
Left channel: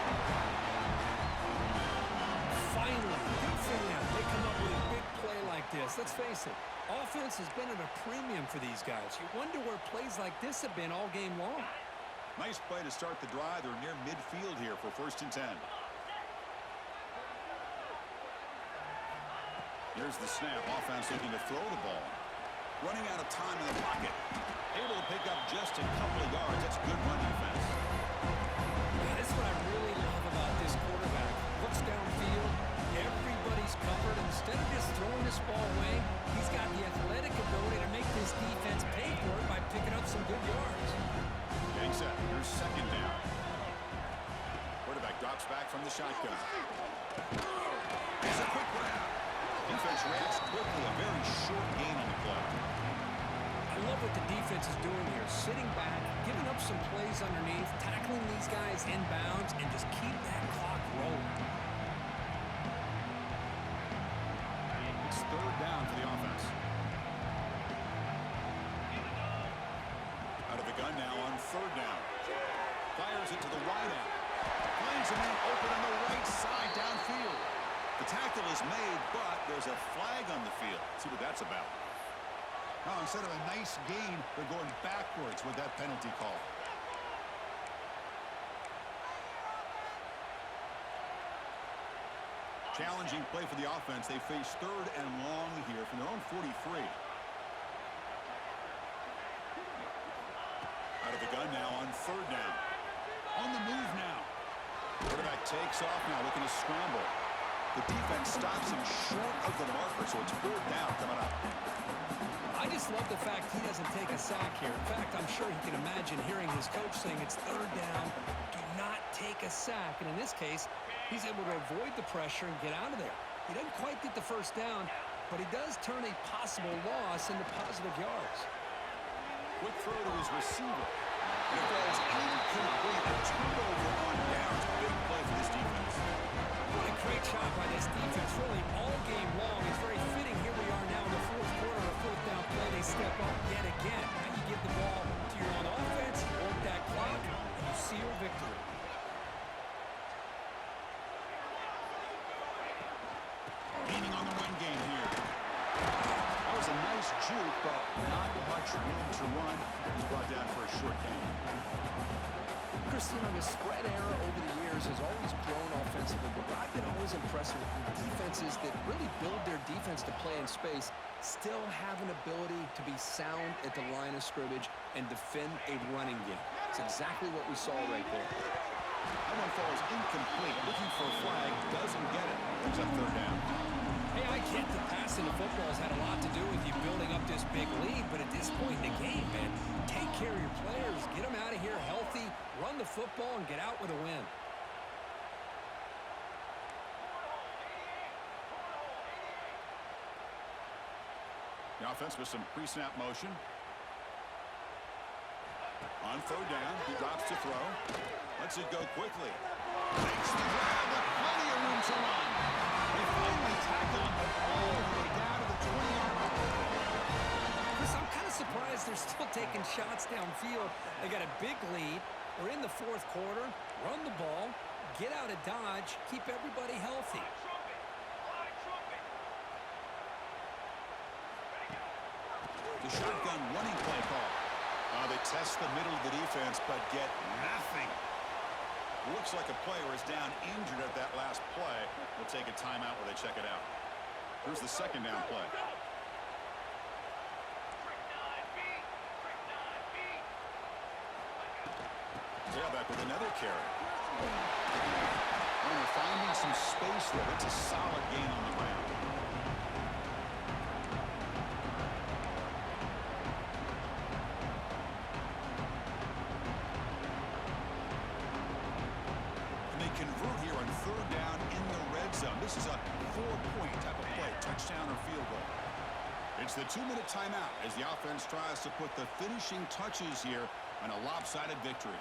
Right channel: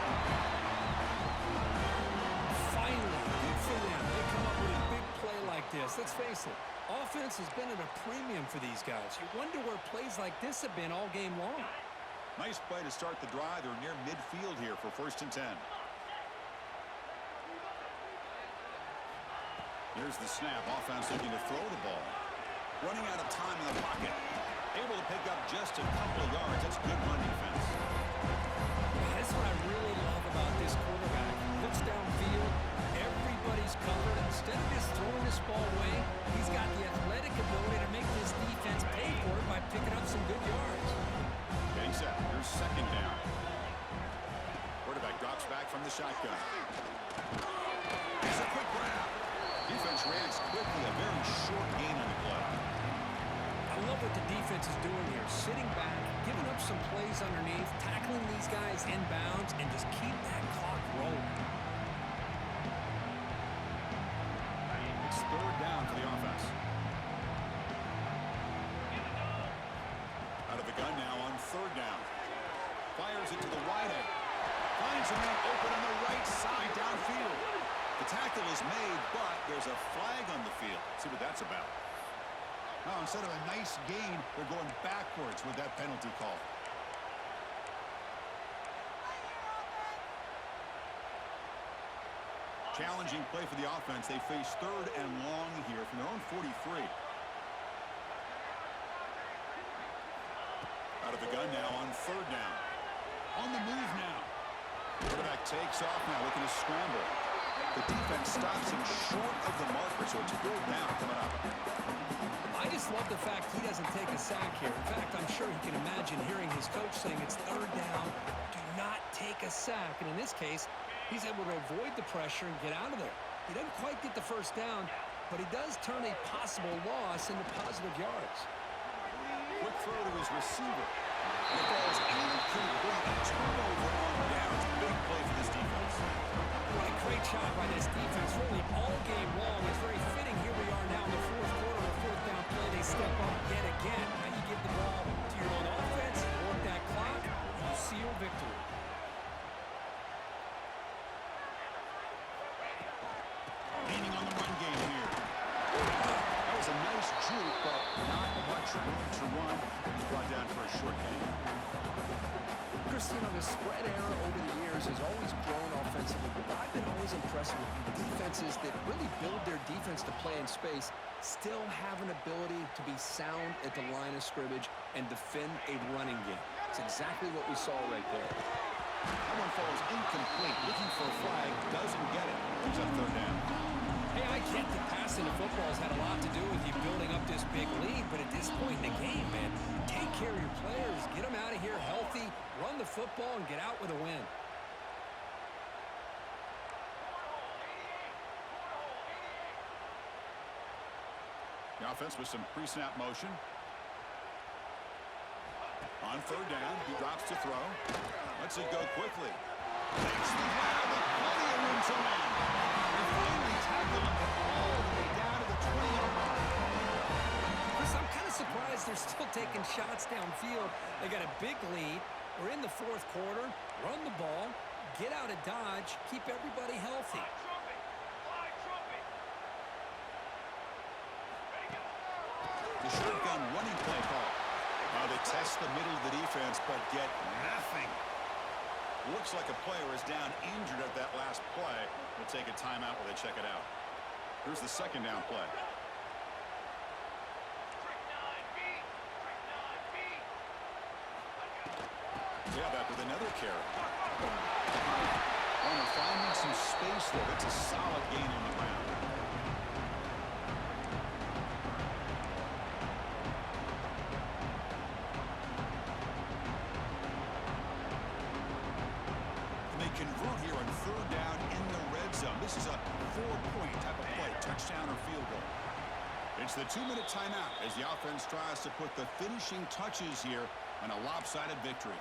Finally, good for them. They come up with a big play like this. Let's face it, Offense has been at a premium for these guys. You wonder where plays like this have been all game long. Nice play to start the drive. They're near midfield here for 1st and 10. Here's the snap. Offense looking to throw the ball. Running out of time in the pocket. Able to pick up just a couple of yards. That's good run defense. Man, that's what I really love about this quarterback. Looks downfield. Everybody's covered. Instead of just throwing this ball away, he's got the athletic ability to make this defense pay for it by picking up some good yards. Getting set. Here's 2nd down. Quarterback drops back from the shotgun. It's a quick grab. Defense reacts quickly. A very short gain on the play. I love what the defense is doing here. Sitting back, giving up some plays underneath, tackling these guys inbounds, and just keep that clock rolling. It's 3rd down for the offense. Out of the gun now on 3rd down. Fires it to the wide end. Finds a man open on the right side downfield. The tackle is made, but there's a flag on the field. Let's see what that's about. Now, instead of a nice gain, they're going backwards with that penalty call. Challenging play for the offense. They face 3rd and long here from their own 43. Out of the gun now on 3rd down. On the move now. Quarterback takes off now, looking to scramble. The defense stops him short of the marker, so it's 4th down coming up. I just love the fact he doesn't take a sack here. In fact, I'm sure he can imagine hearing his coach saying it's 3rd down, do not take a sack. And in this case, he's able to avoid the pressure and get out of there. He doesn't quite get the 1st down, but he does turn a possible loss into positive yards. Quick throw to his receiver. And it falls incomplete. A turnover on downs. Big play for this defense. What a great job by this defense, really all game long. It's very fitting. Here we are now in the 4th quarter, a 4th down play. They step up yet again. Now you give the ball to your own offense, you work that clock, and you seal victory. Leaning on the run game here. That was a nice juke, but not much room to run. He's brought down for a short gain. Chris, you know, the spread era over the years has always grown offensively, but I've been always impressed with defenses that really build their defense to play in space, still have an ability to be sound at the line of scrimmage and defend a running game. It's exactly what we saw right there. That one falls incomplete. Looking for a flag, doesn't get it. Brings up 3rd down. Hey, I get the passing of football has had a lot to do with you building up this big lead, but at this point in the game, man, take care of your players, get them out of here healthy, run the football, and get out with a win. The offense with some pre-snap motion. On 3rd down, he drops to throw. Lets it go quickly. Makes the grab with plenty of room to run. They finally tackle him all the way down to the 20-yard line. Chris, I'm kind of surprised they're still taking shots downfield. They got a big lead. We're in the 4th quarter. Run the ball. Get out of Dodge. Keep everybody healthy. The shotgun running play call. They test the middle of the defense, but get nothing. Looks like a player is down injured at that last play. We'll take a timeout while they check it out. Here's the 2nd down play. Yeah, back with another carry. Runner finding some space there. That's a solid gain on the ground. Convert here on 3rd down in the red zone. This is a 4-point type of play, touchdown or field goal. It's the 2-minute timeout as the offense tries to put the finishing touches here on a lopsided victory.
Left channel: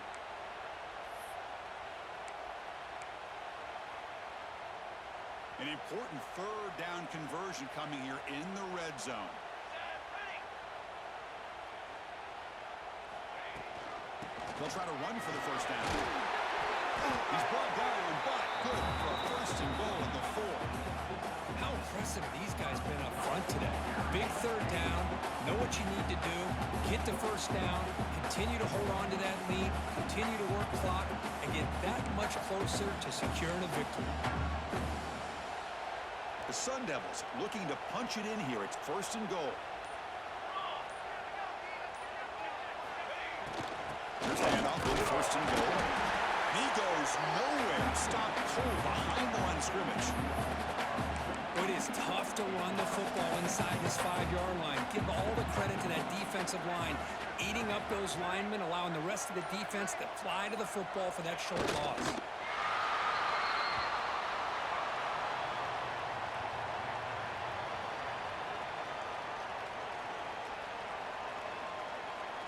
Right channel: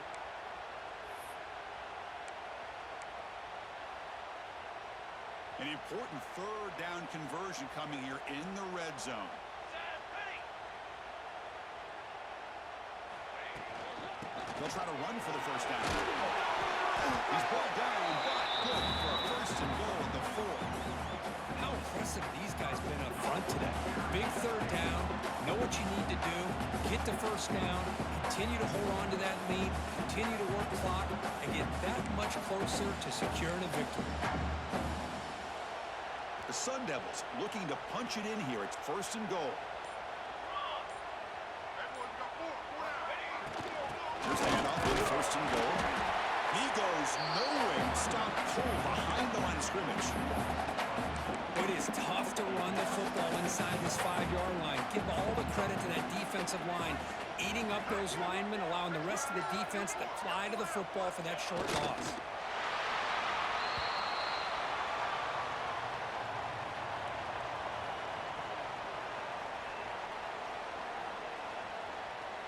An important 3rd down conversion coming here in the red zone. They'll try to run for the 1st down. He's brought down, but good for a 1st and goal at the 4. How impressive these guys been up front today. Big third down, know what you need to do, get the first down, continue to hold on to that lead, continue to work clock, and get that much closer to securing a victory. The Sun Devils looking to punch it in here. It's 1st and goal. Here's the handoff with 1st and goal. And he goes nowhere. Stopped cold behind the line of scrimmage. It is tough to run the football inside this 5-yard line. Give all the credit to that defensive line, eating up those linemen, allowing the rest of the defense to fly to the football for that short loss.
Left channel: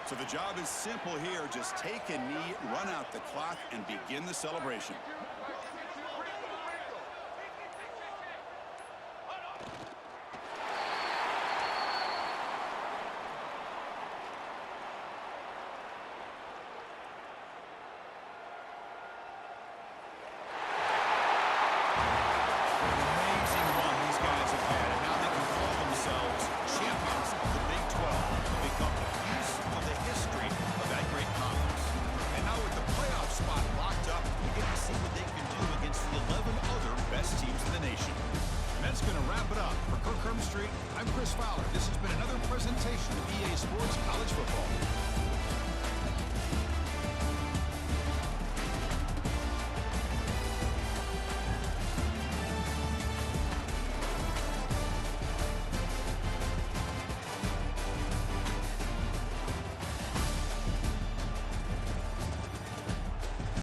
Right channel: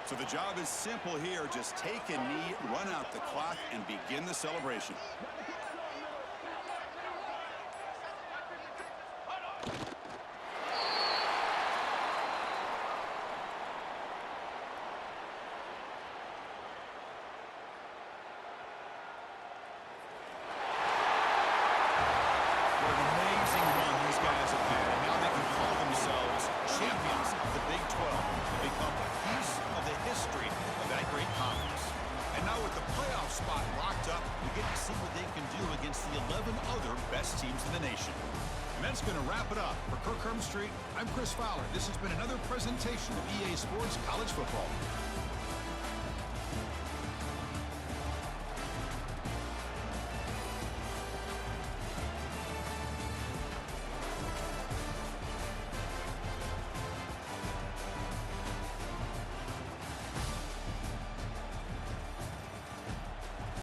So the job is simple here. Just take a knee, run out the clock, and begin the celebration. What an amazing run these guys have had, and now they can call themselves champions of the Big 12 and become a piece of the history of that great conference. And now with the playoff spot locked up, we get to see what they can do against the 11 other best teams in the nation. And that's going to wrap it up. For Kirk Street, I'm Chris Fowler. This has been another presentation of EA Sports College Football.